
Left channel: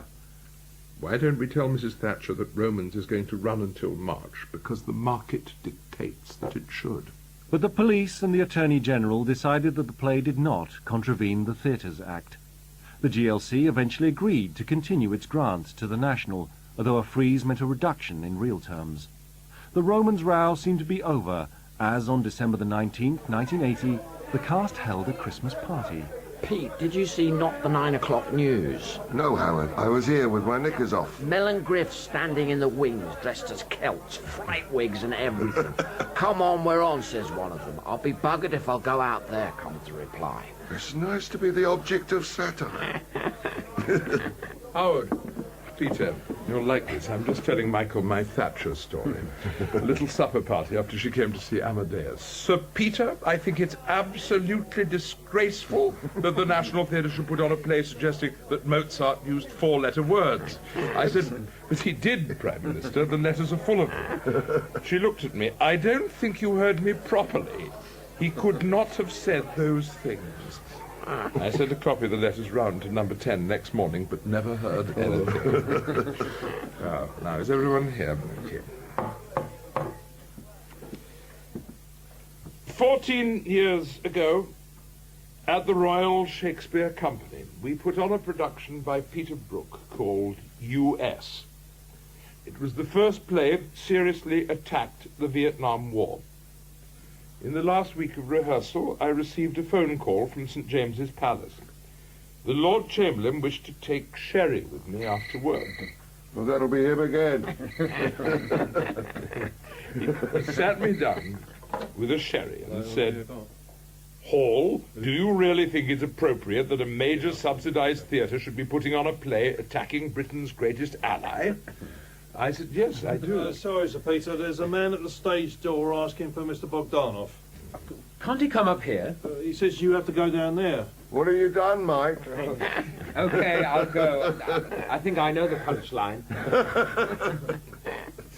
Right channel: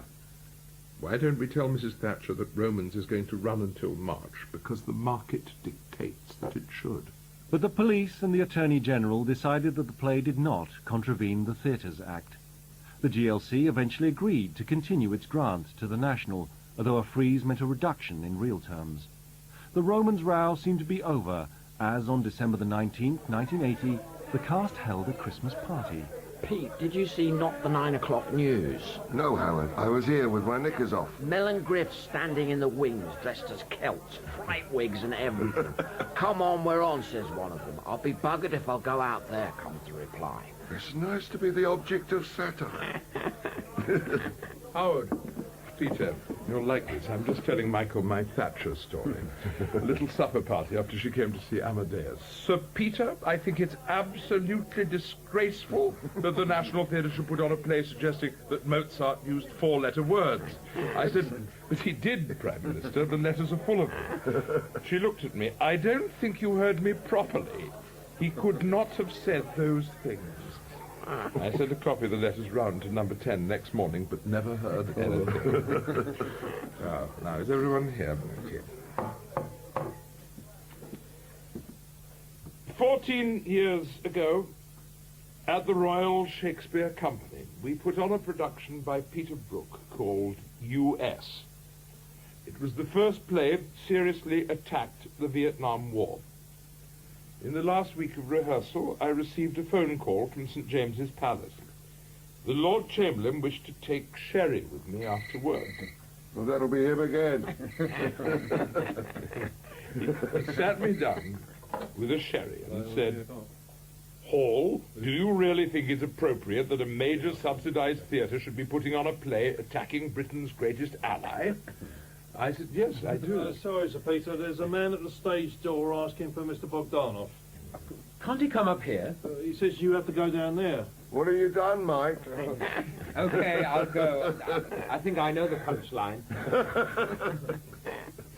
Why don't we tell Mrs. Thatcher that Romans is going to run until March? Because the market dictates that it should. But the police and the Attorney General decided that the play did not contravene the Theatres Act. The GLC eventually agreed to continue its grant to the National, although a freeze meant a reduction in real terms. The Romans' row seemed to be over, as on December the 19th, 1980, the cast held a Christmas party. Pete, did you see Not the 9 o'clock news? No, Howard. I was here with my knickers off. Mel and Griff standing in the wings, dressed as Celts, fright wigs and everything. Come on, we're on, says one of them. I'll be buggered if I'll go out there, comes the reply. It's nice to be the object of satire. Howard, Peter, you'll like this. I'm just telling Michael my Thatcher story. A little supper party after she came to see Amadeus. Sir Peter, I think it's absolutely disgraceful that the National Theatre should put on a play suggesting that Mozart used 4-letter words. I said, but he did, Prime Minister. The letters are full of them. She looked at me. I don't think you heard me properly. He could not have said those things. I sent a copy of the letters round to number 10 next morning, but never heard anything. Now, is everyone here? Okay. 14 years ago, at the Royal Shakespeare Company, we put on a production by Peter Brook called U.S. It was the first play that seriously attacked the Vietnam War. In the last week of rehearsal, I received a phone call from St. James's Palace. The Lord Chamberlain wished to take sherry with me after work. Well, that'll be him again. He sat me down with a sherry and said, Hall, do you really think it's appropriate that a major subsidized theatre should be putting on a play attacking Britain's greatest ally? I said, yes, I do. Sorry, Sir Peter, there's a man at the stage door asking for Mr. Bogdanov. Can't he come up here? He says you have to go down there. What have you done, Mike? Okay, I'll go. I think I know the punchline.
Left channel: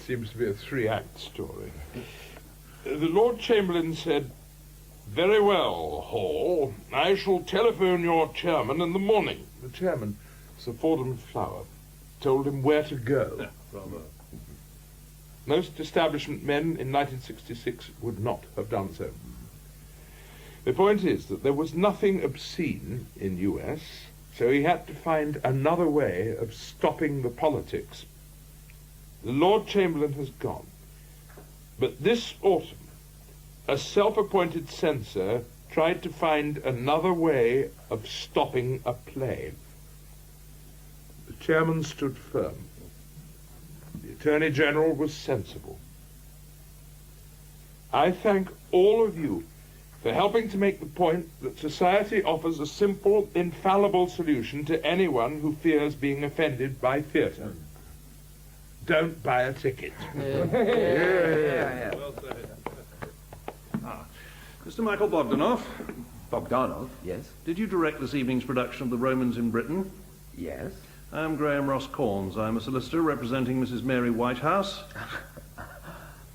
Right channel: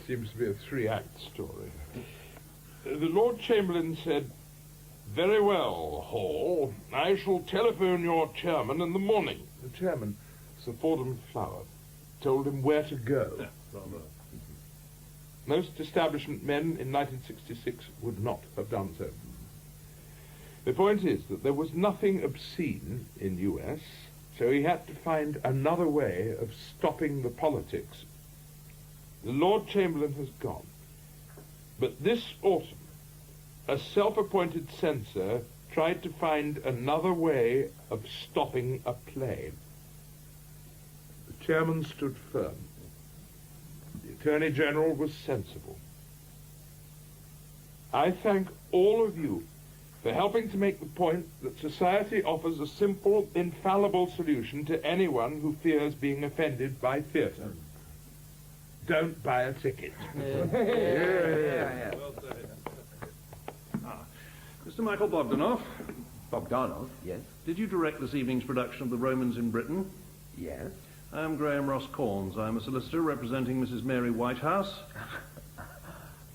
Seems to be a three-act story. The Lord Chamberlain said, "Very well, Hall. I shall telephone your chairman in the morning." The chairman, Sir Fordham Flower, told him where to go. Bravo. Most establishment men in 1966 would not have done so. The point is that there was nothing obscene in US, so he had to find another way of stopping the politics. The Lord Chamberlain has gone. But this autumn, a self-appointed censor tried to find another way of stopping a play. The chairman stood firm. The Attorney General was sensible. I thank all of you for helping to make the point that society offers a simple, infallible solution to anyone who fears being offended by theatre. Don't buy a ticket. Well said. Mr. Michael Bogdanov. Bogdanov, yes. Did you direct this evening's production of The Romans in Britain? Yes. I'm Graham Ross Corns. I'm a solicitor representing Mrs. Mary Whitehouse.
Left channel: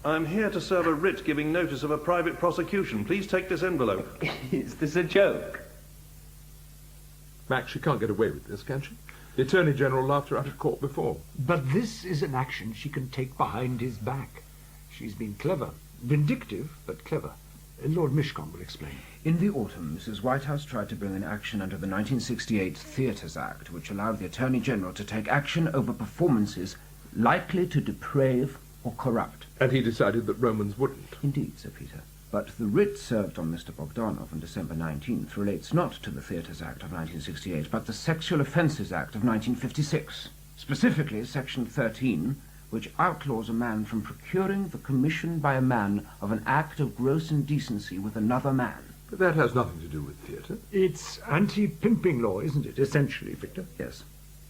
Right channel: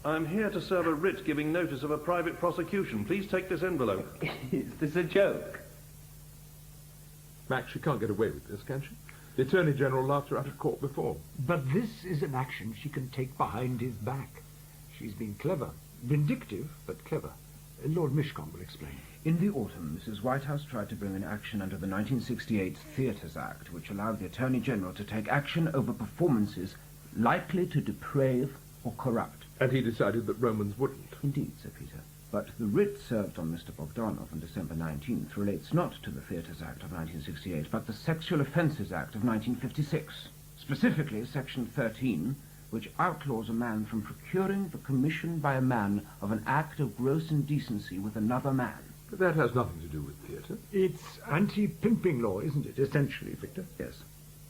I'm here to serve a writ giving notice of a private prosecution. Please take this envelope. Is this a joke? Max, she can't get away with this, can she? The Attorney General laughed her out of court before. But this is an action she can take behind his back. She's been clever. Vindictive, but clever. Lord Mishcon will explain. In the autumn, Mrs. Whitehouse tried to bring an action under the 1968 Theatres Act, which allowed the Attorney General to take action over performances likely to deprave or corrupt. And he decided that Romans wouldn't. Indeed, Sir Peter. But the writ served on Mr. Bogdanov on December 19th relates not to the Theatres Act of 1968, but the Sexual Offences Act of 1956. Specifically, Section 13, which outlaws a man from procuring the commission by a man of an act of gross indecency with another man. But that has nothing to do with theatre. It's anti-pimping law, isn't it, essentially, Victor? Yes.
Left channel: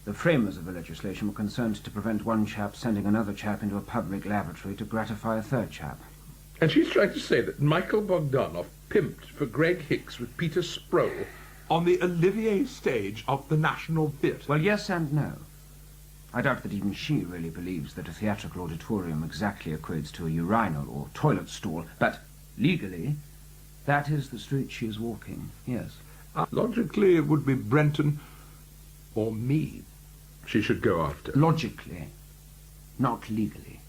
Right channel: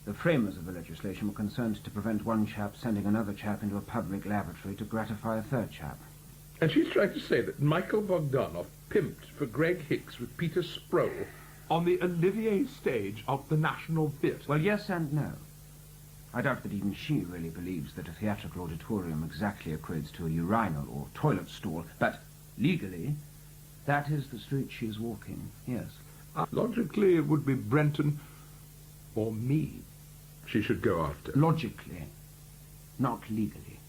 The framers of the legislation were concerned to prevent one chap sending another chap into a public lavatory to gratify a third chap. And she's trying to say that Michael Bogdanov pimped for Greg Hicks with Peter Sproule on the Olivier stage of the National Theatre. Well, yes and no. I doubt that even she really believes that a theatrical auditorium exactly equates to a urinal or toilet stall, but legally, that is the street she is walking, yes. Logically, it would be Brenton or me she should go after. Logically, not legally.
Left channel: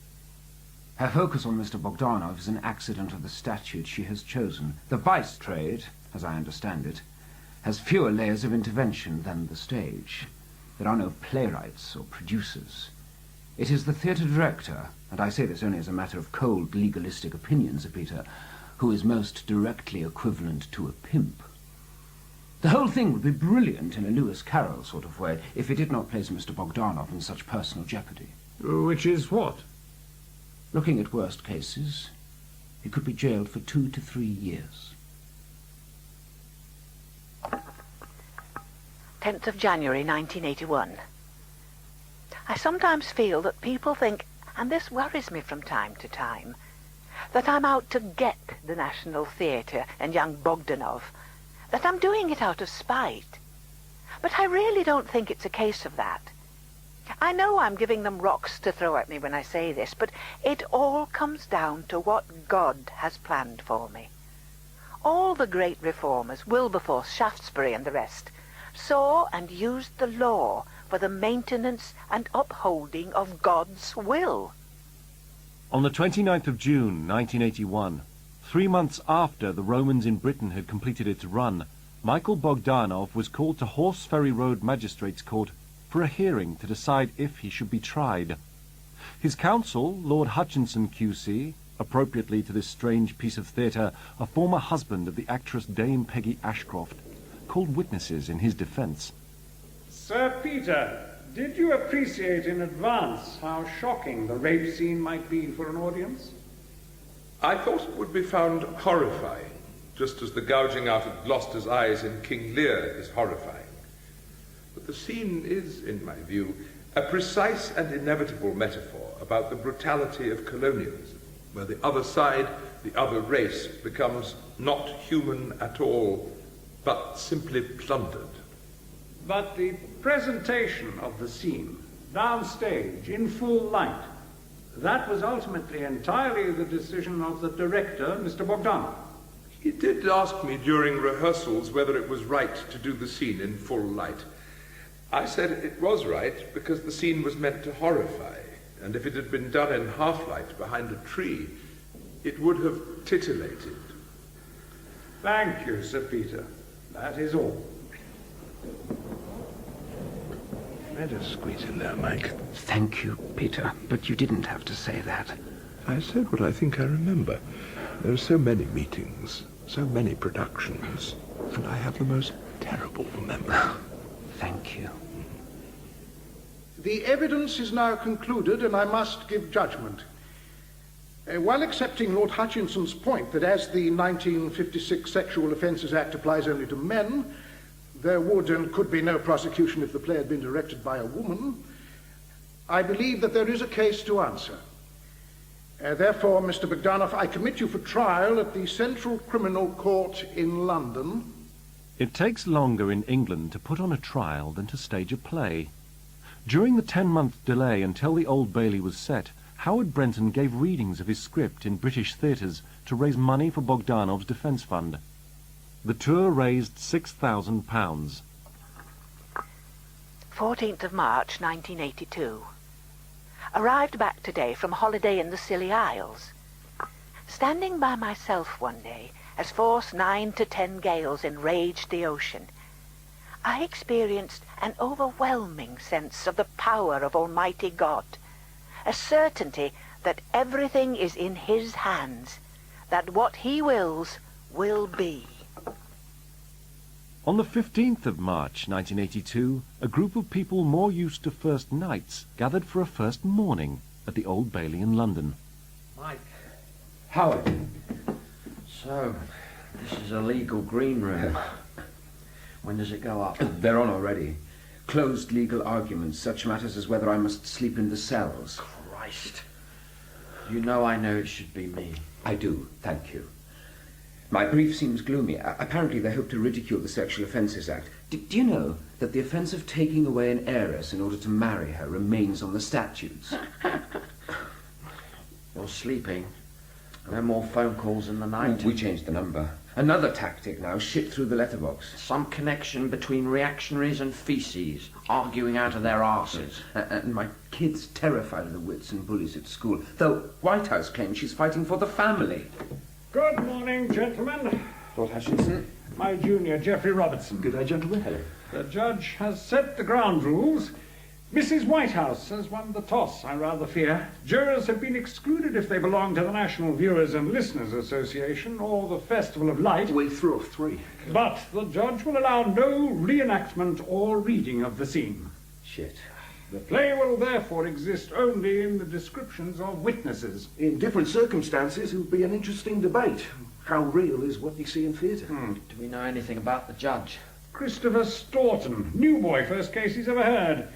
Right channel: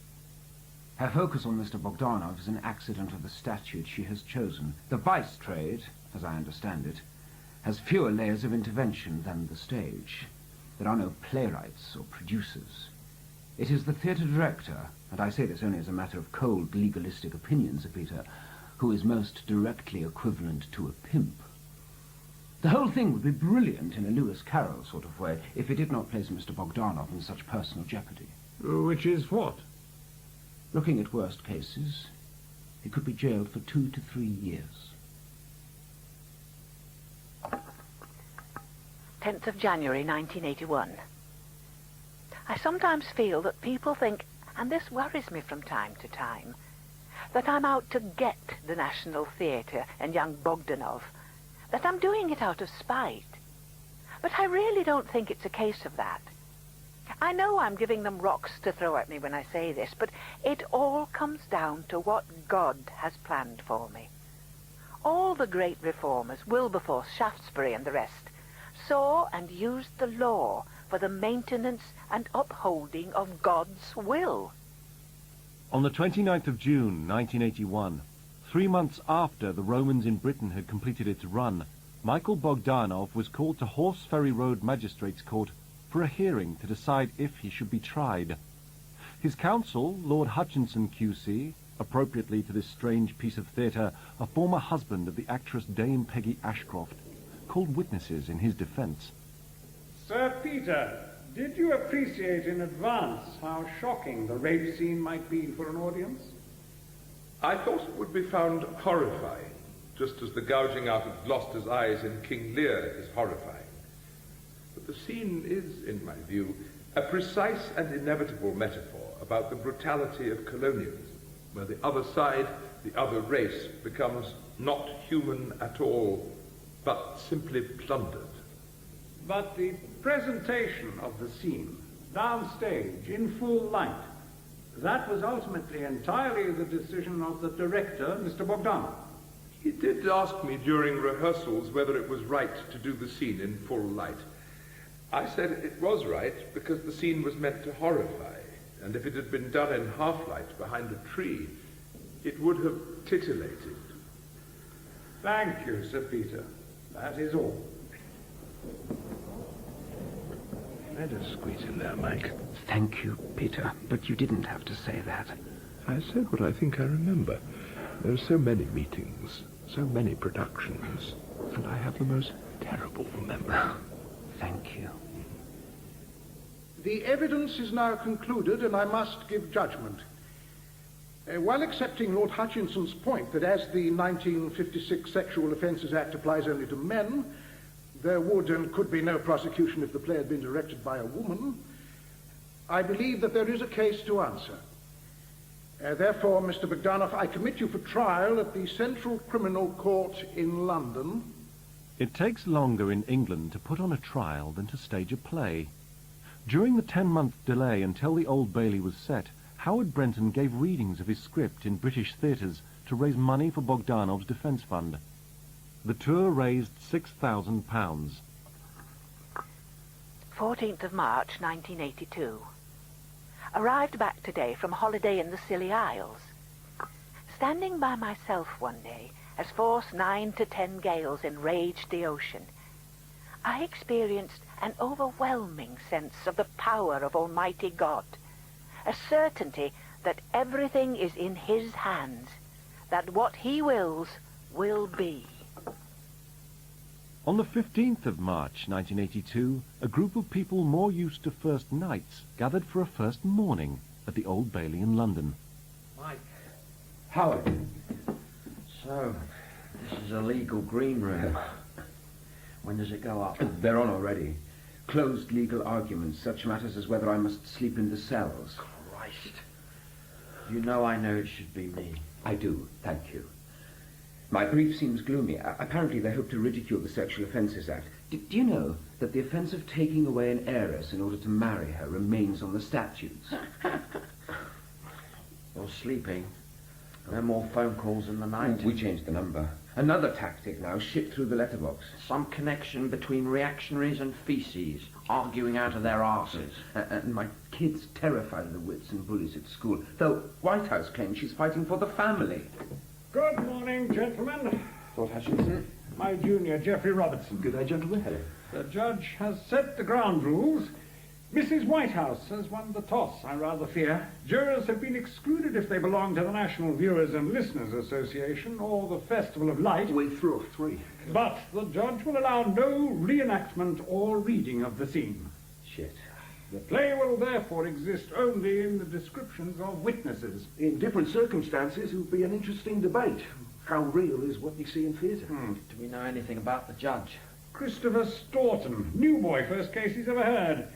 Her focus on Mr. Bogdanov is an accident of the statute she has chosen. The vice trade, as I understand it, has fewer layers of intervention than the stage. There are no playwrights or producers. It is the theatre director, and I say this only as a matter of cold legalistic opinion, Sir Peter, who is most directly equivalent to a pimp. The whole thing would be brilliant in a Lewis Carroll sort of way if it did not place Mr. Bogdanov in such personal jeopardy. Which is what? Looking at worst cases, he could be jailed for 2 to 3 years. 10th of January 1981. I sometimes feel that people think, and this worries me from time to time, that I'm out to get the National Theatre and young Bogdanov, that I'm doing it out of spite. But I really don't think it's a case of that. I know I'm giving them rocks to throw at me when I say this, but it all comes down to what God has planned for me. All the great reformers, Wilberforce, Shaftesbury and the rest, saw and used the law for the maintenance and upholding of God's will. On the 29th of June, 1981, 3 months after the Romans in Britain had completed its run, Michael Bogdanov was called to Horseferry Road Magistrates' Court for a hearing to decide if he should be tried. His counsel, Lord Hutchinson QC, appropriately to this strange piece of theatre, a former husband of the actress Dame Peggy Ashcroft, called witnesses in his defence. Sir Peter, did you appreciate in advance how shocking the rape scene might be for an audience? I thought it would be found horrifying, just as the gouging out of Gloucester's eyes in King Lear is horrifying. But the scene is, in my view, a precise and inevitable metaphor about the brutality of colonialism, where the other side, the other race, becomes not human at all, but simply plundered. But the presentation of the scene, downstage, in full light, that was ultimately entirely the decision of the director, Mr. Bogdanov. He did ask me during rehearsals whether it was right to do the scene in full light. I said it was right because the scene was meant to horrify, and if it had been done in half-light behind a tree, it would have titillated. Thank you, Sir Peter. That is all. Let us squeeze in there, Mike. Thank you, Peter, but you didn't have to say that. I said what I think I remember. There are so many meetings, so many productions, and I have the most terrible memory. Thank you. The evidence is now concluded, and I must give judgment. While accepting Lord Hutchinson's point that as the 1956 Sexual Offences Act applies only to men, there would and could be no prosecution if the play had been directed by a woman, I believe that there is a case to answer. Therefore, Mr. Bogdanov, I commit you for trial at the Central Criminal Court in London. It takes longer in England to put on a trial than to stage a play. During the 10-month delay until the Old Bailey was set, Howard Brenton gave readings of his script in British theatres to raise money for Bogdanov's defence fund. The tour raised £6,000. 14th of March, 1982. Arrived back today from holiday in the Scilly Isles. Standing by myself one day as force 9 to 10 gales enraged the ocean, I experienced an overwhelming sense of the power of Almighty God, a certainty that everything is in His hands, that what He wills will be. On the 15th of March 1982, a group of people more used to first nights gathered for a first morning at the Old Bailey in London. Mike. Howard. So, this is a legal green room. When does it go up? They're on already. Closed legal arguments, such matters as whether I must sleep in the cells. Christ. You know I know it should be me. I do, thank you. My brief seems gloomy. Apparently they hope to ridicule the Sexual Offences Act. Do you know that the offence of taking away an heiress in order to marry her remains on the statutes? You're sleeping. No more phone calls in the night. We changed the number. Another tactic now, shit through the letterbox. Some connection between reactionaries and feces, arguing out of their arses. And my kid's terrified of the wits and bullies at school, though Whitehouse claims she's fighting for the family. Good morning, gentlemen. Lord Hutchinson. My junior, Geoffrey Robertson. Good day, gentlemen. Hello. The judge has set the ground rules. Mrs. Whitehouse has won the toss, I rather fear. Jurors have been excluded if they belong to the National Viewers and Listeners Association or the Festival of Light. We threw off 3. But the judge will allow no reenactment or reading of the scene. Shit. The play will therefore exist only in the descriptions of witnesses. In different circumstances, it would be an interesting debate. How real is what you see in theatre? Do we know anything about the judge? Christopher Staunton, new boy, first case he's ever heard.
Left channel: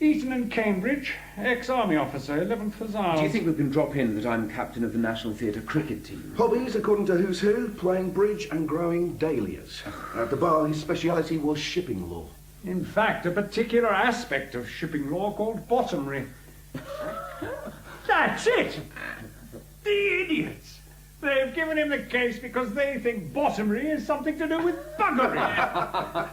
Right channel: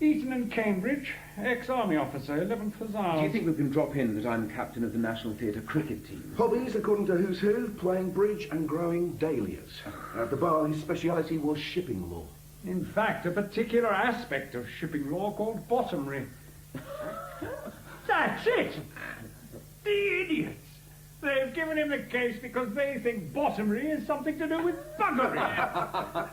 Eton and Cambridge, ex-army officer, 11th Hussars. Do you think we can drop in that I'm captain of the National Theatre cricket team? Hobbies, according to Who's Who, playing bridge and growing dahlias. At the bar, his speciality was shipping law. In fact, a particular aspect of shipping law called bottomry. That's it! The idiots! They've given him the case because they think bottomry is something to do with buggery.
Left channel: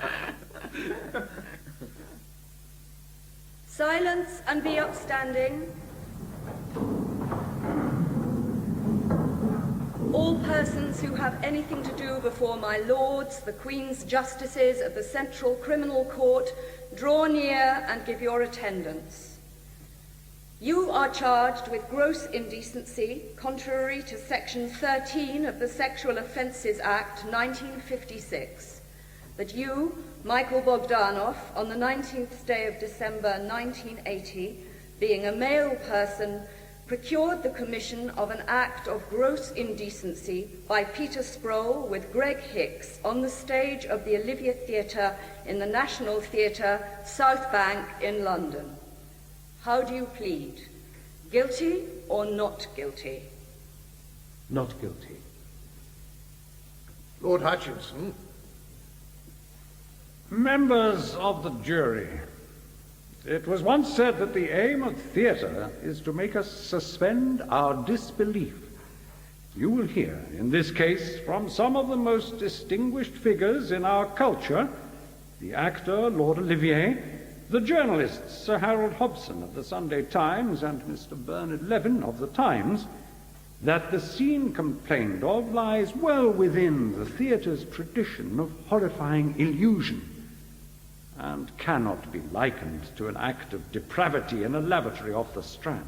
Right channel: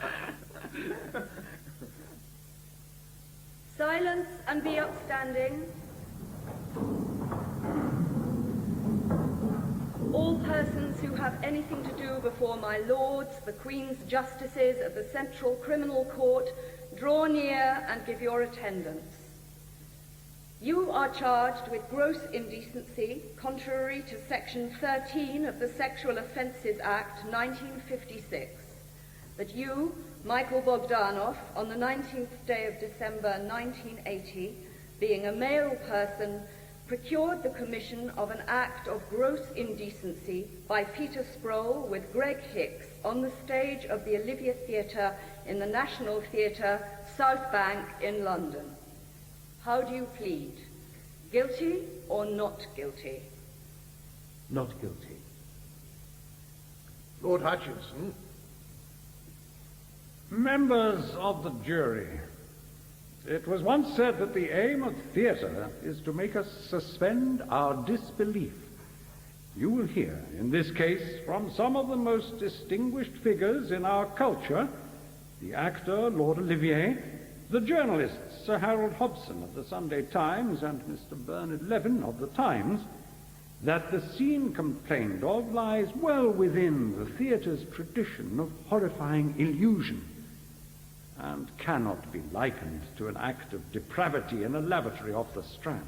Silence and be upstanding. All persons who have anything to do before my lords, the Queen's Justices of the Central Criminal Court, draw near and give your attendance. You are charged with gross indecency, contrary to Section 13 of the Sexual Offences Act 1956, that you, Michael Bogdanov, on the 19th day of December 1980, being a male person, procured the commission of an act of gross indecency by Peter Sproule with Greg Hicks on the stage of the Olivia Theatre in the National Theatre, South Bank in London. How do you plead? Guilty or not guilty? Not guilty. Lord Hutchinson. Members of the jury, it was once said that the aim of theatre is to make us suspend our disbelief. You will hear, in this case, from some of the most distinguished figures in our culture, the actor Lord Olivier, the journalists Sir Harold Hobson of the Sunday Times and Mr. Bernard Levin of the Times, that the scene complained of lies well within the theatre's tradition of horrifying illusion and cannot be likened to an act of depravity in a lavatory off the Strand.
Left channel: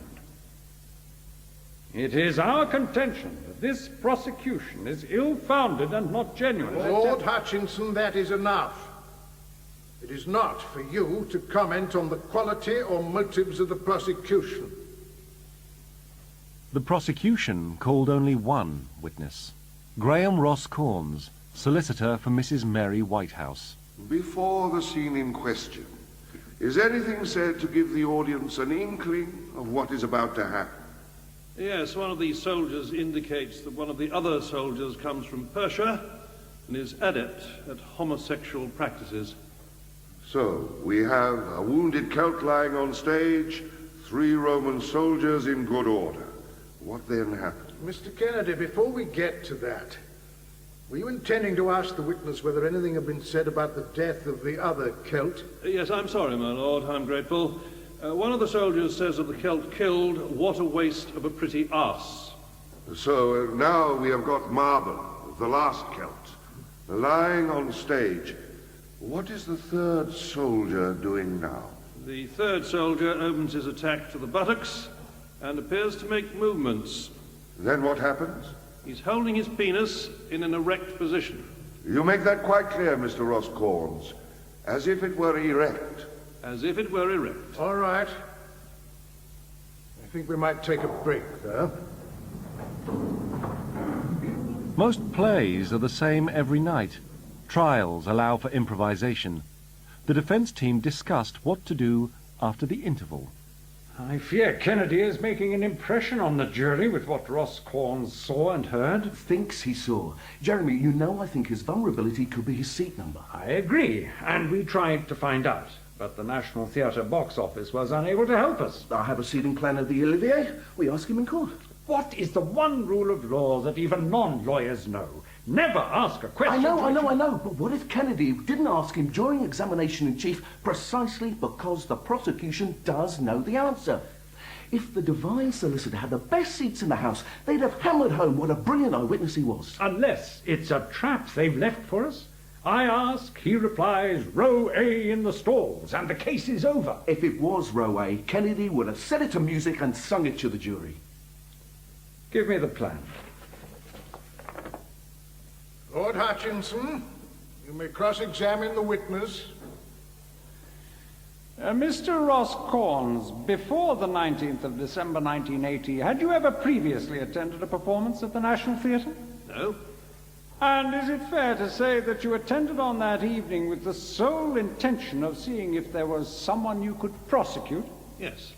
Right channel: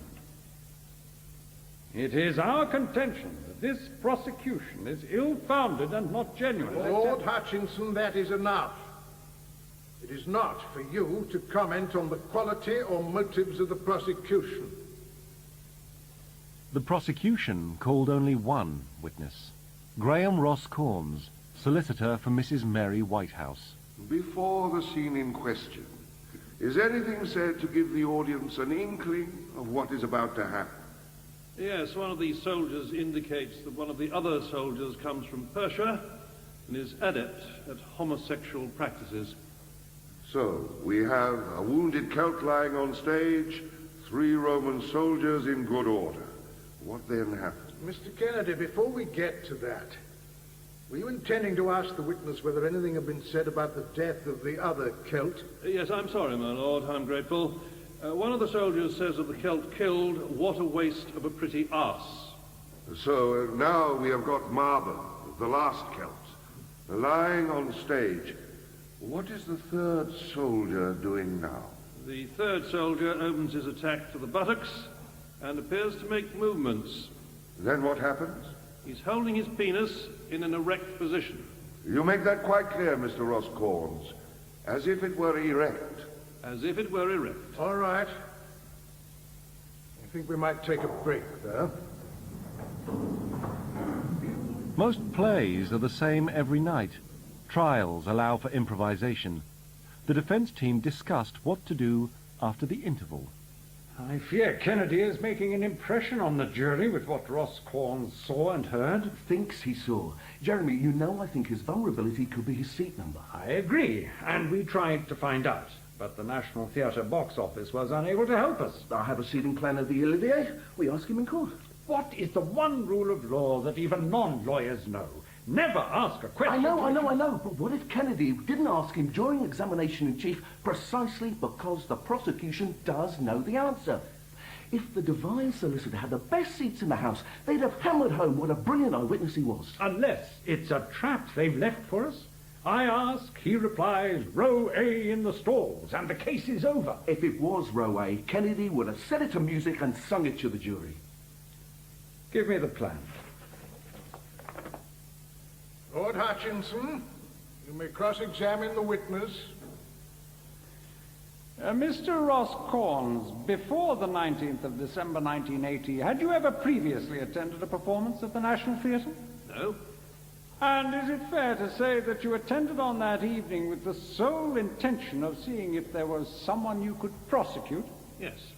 It is our contention that this prosecution is ill-founded and not genuine. Lord Hutchinson, that is enough. It is not for you to comment on the quality or motives of the prosecution. The prosecution called only one witness, Graham Ross Corns, solicitor for Mrs. Mary Whitehouse. Before the scene in question, is anything said to give the audience an inkling of what is about to happen? Yes, one of these soldiers indicates that one of the other soldiers comes from Persia and is adept at homosexual practices. So, we have a wounded Celt lying on stage, 3 Roman soldiers in good order. What then happened? Mr. Kennedy, before we get to that, were you intending to ask the witness whether anything had been said about the death of the other Celt? Yes, I'm sorry, my lord, I'm grateful. One of the soldiers says of the Celt killed, what a waste of a pretty arse. So, now we have got Marble, the last Celt, lying on stage. What is the third soldier doing now? The third soldier opens his attack to the buttocks and appears to make movements. Then what happens? He's holding his penis in an erect position. You make that quite clear, Mr. Ross Corns. As if it were erect. As if it were erect. All right. I think we might take a break, though. Most plays are the same every night. Trials allow for improvisation. The defense team discussed what to do after the interval. I fear Kennedy is making an impression on the jury with what Ross Corns saw and heard. Thinks he saw. Jeremy, you know I think his vulnerability could be his seat number. I agree, and we tried to find out. But the National Theatre box office was unable to help us. I have a seating plan of the Olivier. We ask him in court. What is the one rule of law that even non-lawyers know? Never ask a question. I know. But what if Kennedy didn't ask him during examination in chief precisely because the prosecution does know the answer? If the divine solicitor had the best seats in the house, they'd have hammered home what a brilliant eyewitness he was. Unless it's a trap they've left for us. I ask, he replies, row A in the stalls, and the case is over. If it was row A, Kennedy would have set it to music and sung it to the jury. Give me the plan. Lord Hutchinson, you may cross-examine the witness. Mr. Ross Corns, before the 19th of December 1980, had you ever previously attended a performance at the National Theatre? No. And is it fair to say that you attended on that evening with the sole intention of seeing if there was someone you could prosecute? Yes.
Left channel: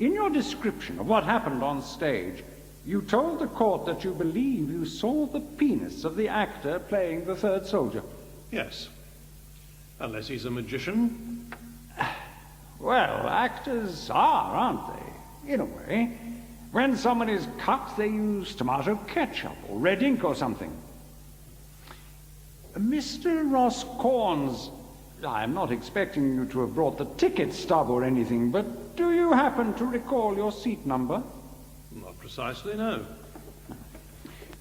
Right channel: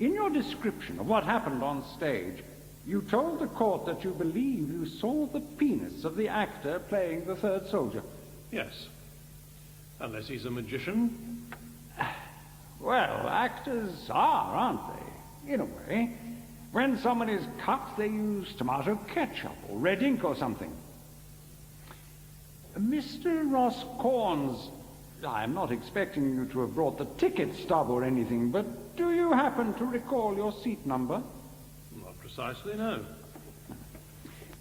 In your description of what happened on stage, you told the court that you believe you saw the penis of the actor playing the third soldier. Yes. Unless he's a magician. Well, actors are, aren't they? In a way. When someone is cut, they use tomato ketchup or red ink or something. Mr. Ross Corns, I'm not expecting you to have brought the ticket stub or anything, but do you happen to recall your seat number? Not precisely, no.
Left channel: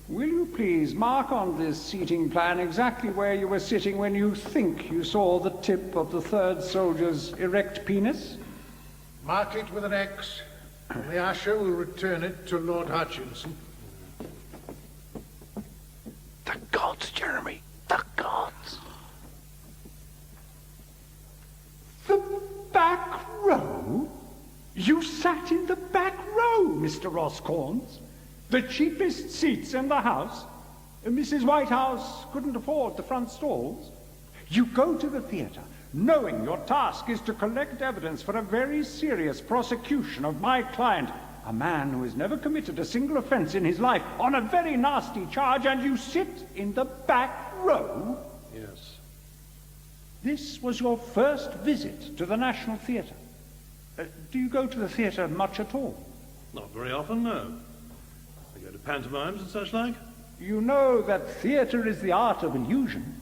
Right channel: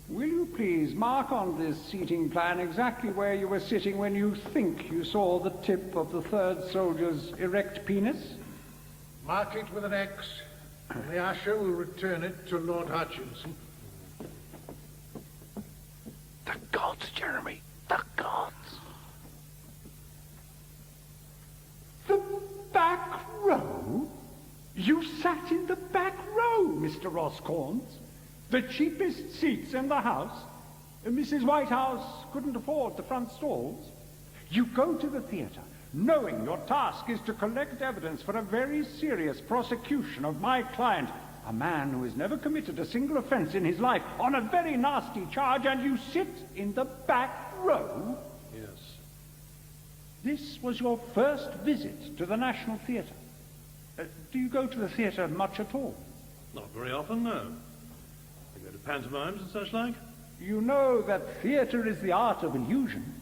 Will you please mark on this seating plan exactly where you were sitting when you think you saw the tip of the third soldier's erect penis? Mark it with an X, and the usher will return it to Lord Hutchinson. The gods, Jeremy, the gods. The back row? You sat in the back row, Mr. Ross Corns. The cheapest seats in the house. Mrs. Whitehouse couldn't afford the front stalls. You go to the theatre, knowing your task is to collect evidence for a very serious prosecution of my client, A man who has never committed a single offence in his life on a very nasty charge, and you sit in the back row? Yes. This was your first visit to the National Theatre. Do you go to the theatre much at all? Not very often, no. I go to pantomimes and such like. You know that theatre is the art of illusion.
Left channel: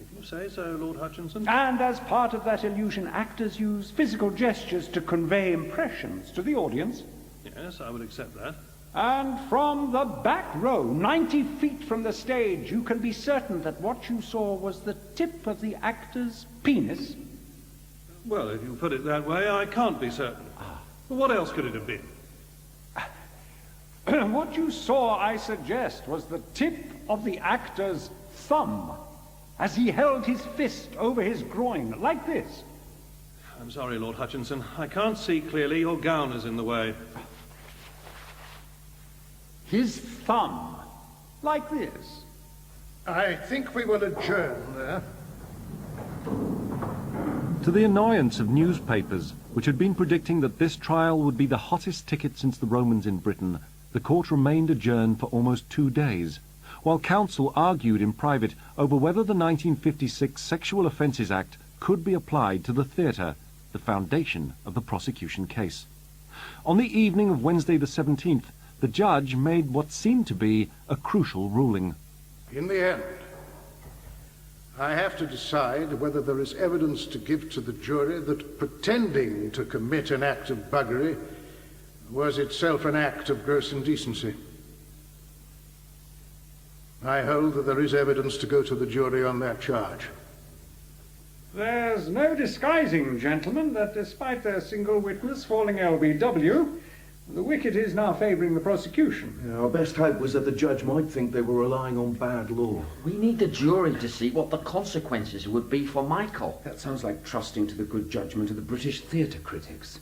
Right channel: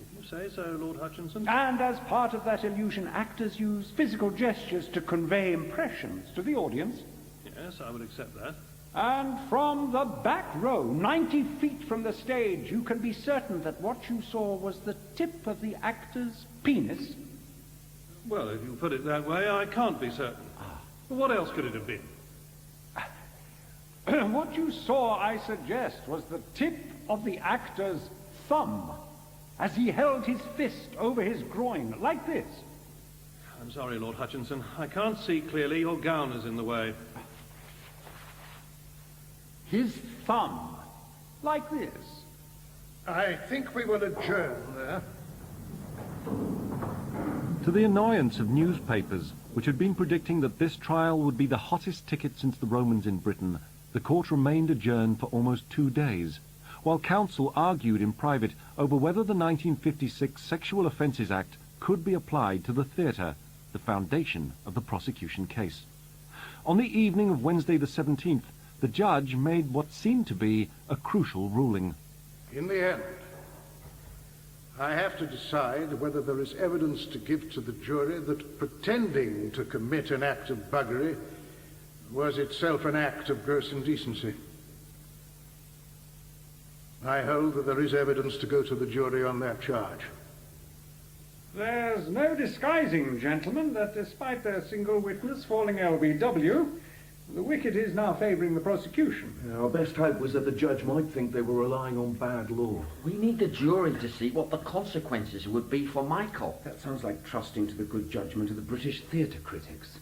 If you say so, Lord Hutchinson. And as part of that illusion, actors use physical gestures to convey impressions to the audience. Yes, I would accept that. And from the back row, 90 feet from the stage, you can be certain that what you saw was the tip of the actor's penis. Well, if you put it that way, I can't be certain. Well, what else could it have been? What you saw, I suggest, was the tip of the actor's thumb as he held his fist over his groin, like this. I'm sorry, Lord Hutchinson. I can't see clearly. Your gown is in the way. His thumb, like this. I think we will adjourn there. To the annoyance of newspapers, which had been predicting that this trial would be the hottest ticket since the Romans in Britain, the court remained adjourned for almost 2 days, while counsel argued in private over whether the 1956 Sexual Offences Act could be applied to the theatre, the foundation of the prosecution case. On the evening of Wednesday the 17th, the judge made what seemed to be a crucial ruling. In the end, I have to decide whether there is evidence to give to the jury that pretending to commit an act of buggery was itself an act of gross indecency. I hold that there is evidence to go to the jury on that charge. There's no disguising, gentlemen, that despite their single witness falling LBW, the wicket is now favouring the prosecution. Yeah, our best hope was that the judge might think they were relying on bad law. We need the jury to see what the consequences would be for Michael. That sounds like trusting to the good judgment of the British theatre critics.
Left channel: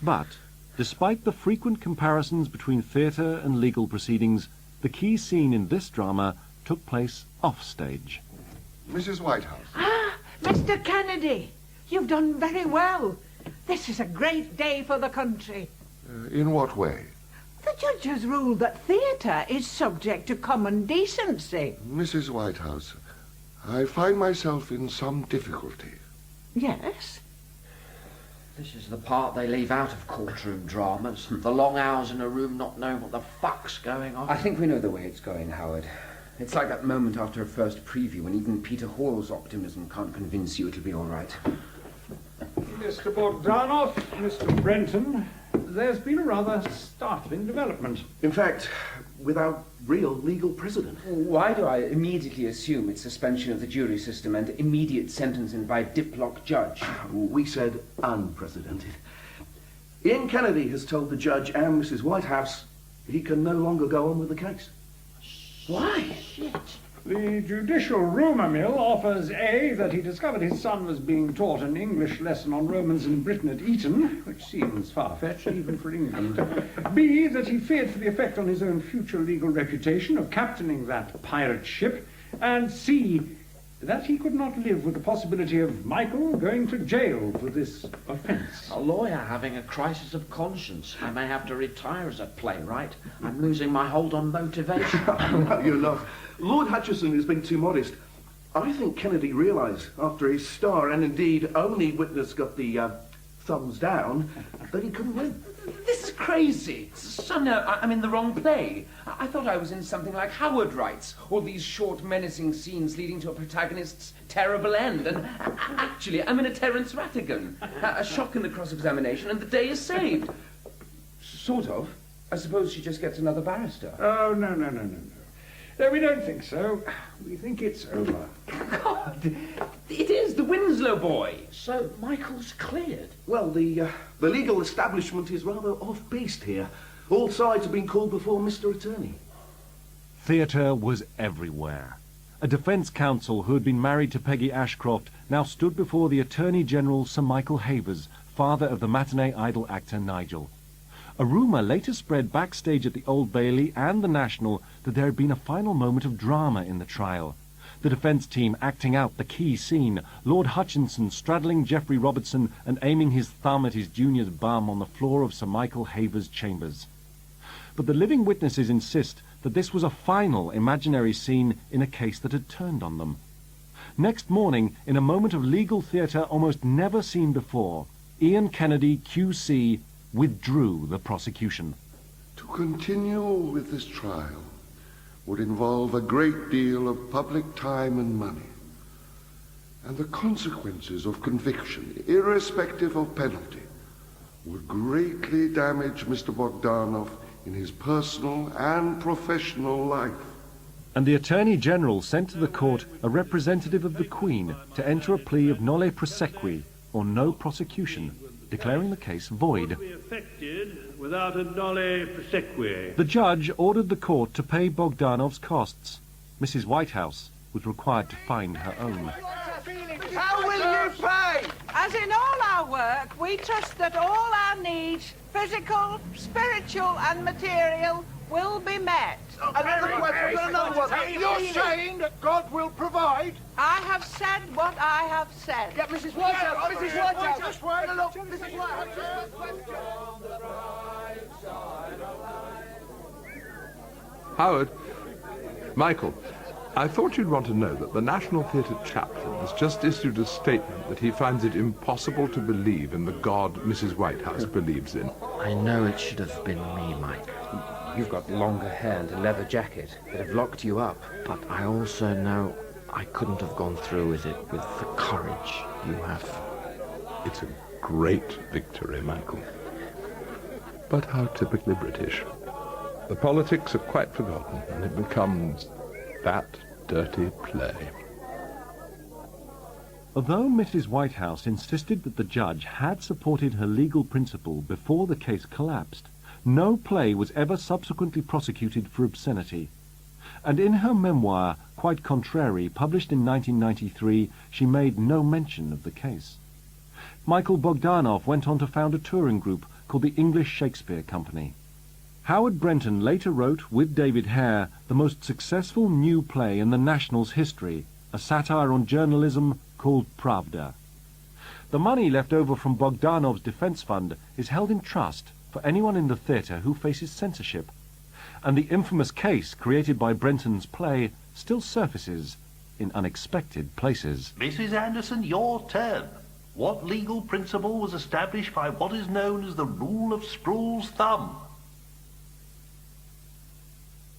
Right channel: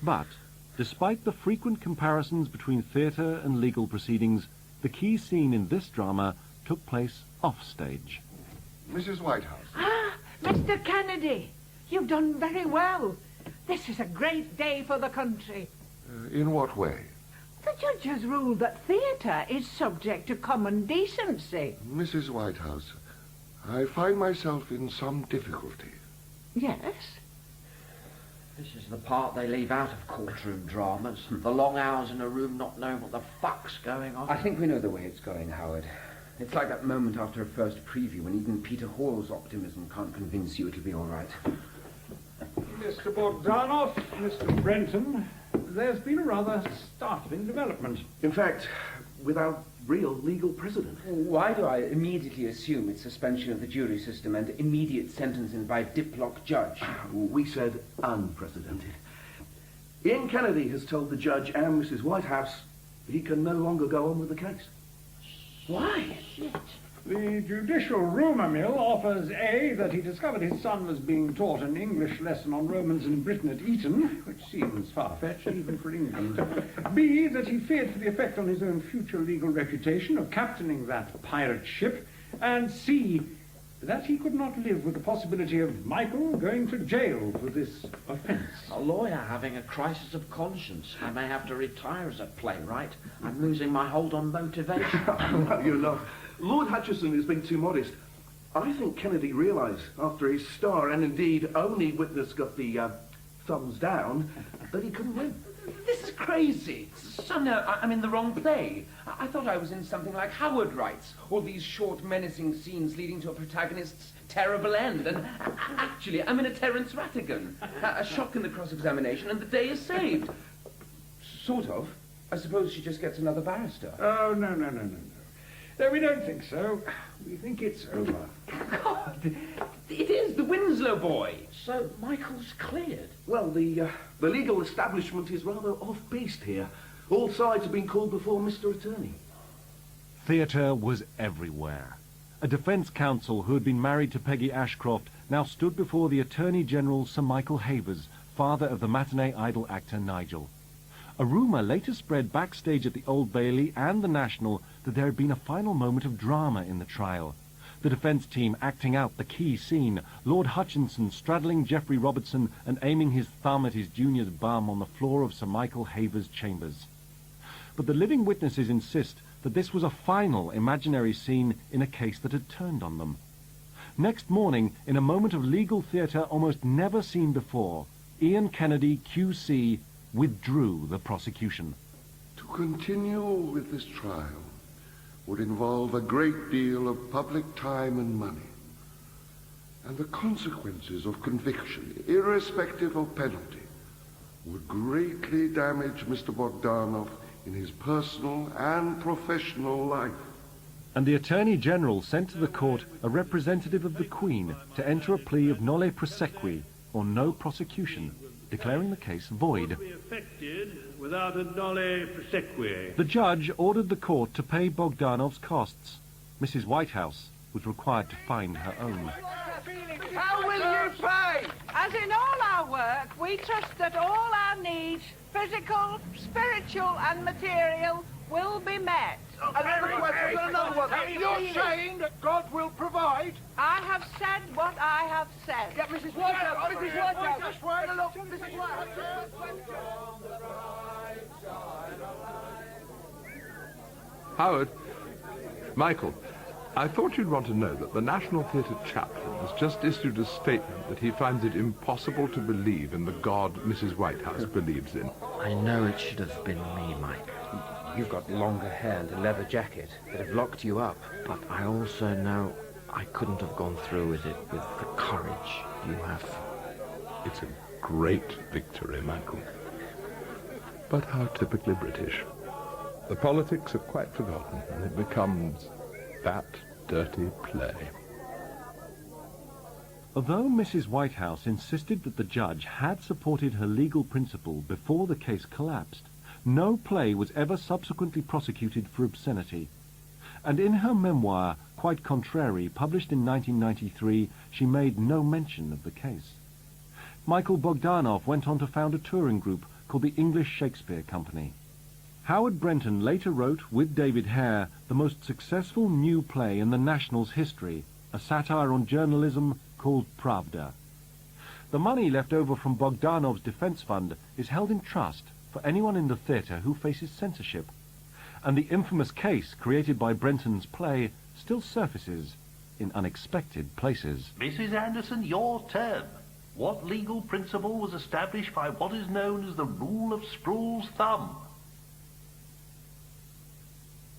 But, despite the frequent comparisons between theatre and legal proceedings, the key scene in this drama took place offstage. Mrs. Whitehouse. Ah, Mr. Kennedy, you've done very well. This is a great day for the country. In what way? The judge has ruled that theatre is subject to common decency. Mrs. Whitehouse, I find myself in some difficulty. Yes? This is the part they leave out of courtroom dramas. The long hours in a room not knowing what the fuck's going on. I think we know the way it's going, Howard. It's like that moment after a first preview when even Peter Hall's optimism can't convince you it'll be all right. Mr. Bogdanov, Mr. Brenton, there's been a rather startling development. In fact, without real legal precedent. Why do I immediately assume it's suspension of the jury system and immediate sentencing by diplock judge? We said unprecedented. Ian Kennedy has told the judge and Mrs. Whitehouse he can no longer go on with the case. Why? Shit. The judicial rumour mill offers A, that he discovered his son was being taught an English lesson on Romans in Britain at Eton, which seems far-fetched even for England. B, that he feared for the effect on his own future legal reputation of captaining that pirate ship. And C, that he could not live with the possibility of Michael going to jail for this offence. A lawyer having a crisis of conscience. I may have to retire as a playwright. I'm losing my hold on motivation. No, you're not. Lord Hutchinson has been too modest. I think Kennedy realised, after his star and indeed only witness got the thumbs down, that he couldn't win. This is crazy. Son, I'm in the wrong play. I thought I was in something like Howard writes, all these short, menacing scenes leading to a protagonist's terrible end. And actually, I'm in a Terence Rattigan. A shock in the cross-examination, and the day is saved. Sort of. I suppose she just gets another barrister. Oh, no. No, we don't think so. We think it's over. God, it is the Winslow boy. So Michael's cleared? Well, the legal establishment is rather off-piste here. All sides have been called before Mr. Attorney. Theatre was everywhere. A defence counsel who had been married to Peggy Ashcroft now stood before the Attorney General Sir Michael Havers, father of the matinee idol actor Nigel. A rumour later spread backstage at the Old Bailey and the National that there had been a final moment of drama in the trial. The defence team acting out the key scene, Lord Hutchinson straddling Geoffrey Robertson and aiming his thumb at his junior's bum on the floor of Sir Michael Haver's chambers. But the living witnesses insist that this was a final imaginary scene in a case that had turned on them. Next morning, in a moment of legal theatre almost never seen before, Ian Kennedy, QC, withdrew the prosecution. To continue with this trial would involve a great deal of public time and money, and the consequences of conviction, irrespective of penalty, would greatly damage Mr. Bogdanov in his personal and professional life. And the Attorney General sent to the court a representative of the Queen to enter a plea of nolle prosequi, or no prosecution, declaring the case void. Without a nolle prosequi. The judge ordered the court to pay Bogdanov's costs. Mrs. Whitehouse was required to find her own. How will you pay? As in all our work, we trust that all our needs, physical, spiritual and material, will be met. Another question, another one. You're saying that God will provide? I have said what I have said. Yeah, Mrs. Whitehouse, Mrs. Whitehouse, just wait a look, Mrs. Whitehouse. Howard, Michael, I thought you'd want to know that the National Theatre chaplain has just issued a statement that he finds it impossible to believe in the God Mrs. Whitehouse believes in. I know it should have been me, Mike. You've got longer hair and a leather jacket that have locked you up. But I also know I couldn't have gone through with it with the courage you have. It's a great victory, Michael. But how typically British. The politics are quite forgotten, and it becomes that dirty play. Although Mrs. Whitehouse insisted that the judge had supported her legal principle before the case collapsed, no play was ever subsequently prosecuted for obscenity. And in her memoir, Quite Contrary, published in 1993, she made no mention of the case. Michael Bogdanov went on to found a touring group called the English Shakespeare Company. Howard Brenton later wrote, with David Hare, the most successful new play in the National's history, a satire on journalism called Pravda. The money left over from Bogdanov's defence fund is held in trust for anyone in the theatre who faces censorship, and the infamous case created by Brenton's play still surfaces in unexpected places. Mrs. Anderson, your turn. What legal principle was established by what is known as the rule of Sproule's thumb?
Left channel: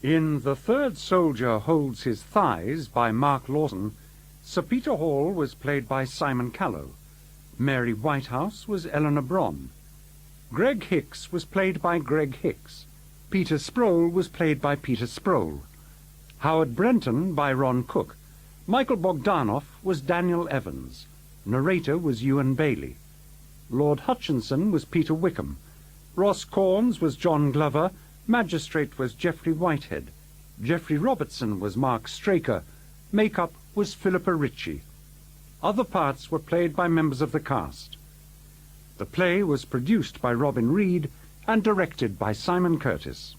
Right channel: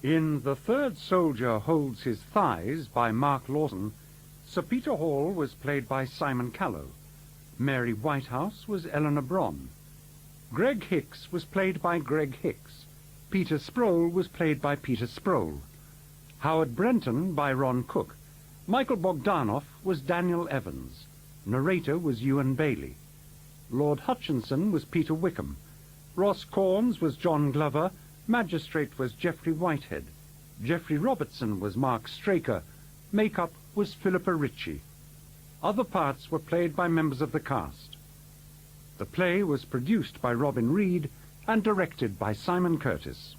In The Third Soldier Holds His Thighs by Mark Lawson, Sir Peter Hall was played by Simon Callow. Mary Whitehouse was Eleanor Bron. Greg Hicks was played by Greg Hicks. Peter Sproule was played by Peter Sproule. Howard Brenton by Ron Cook. Michael Bogdanov was Daniel Evans. Narrator was Ewan Bailey. Lord Hutchinson was Peter Wickham. Ross Corns was John Glover. Magistrate was Geoffrey Whitehead. Geoffrey Robertson was Mark Straker. Makeup was Philippa Ritchie. Other parts were played by members of the cast. The play was produced by Robin Reed and directed by Simon Curtis.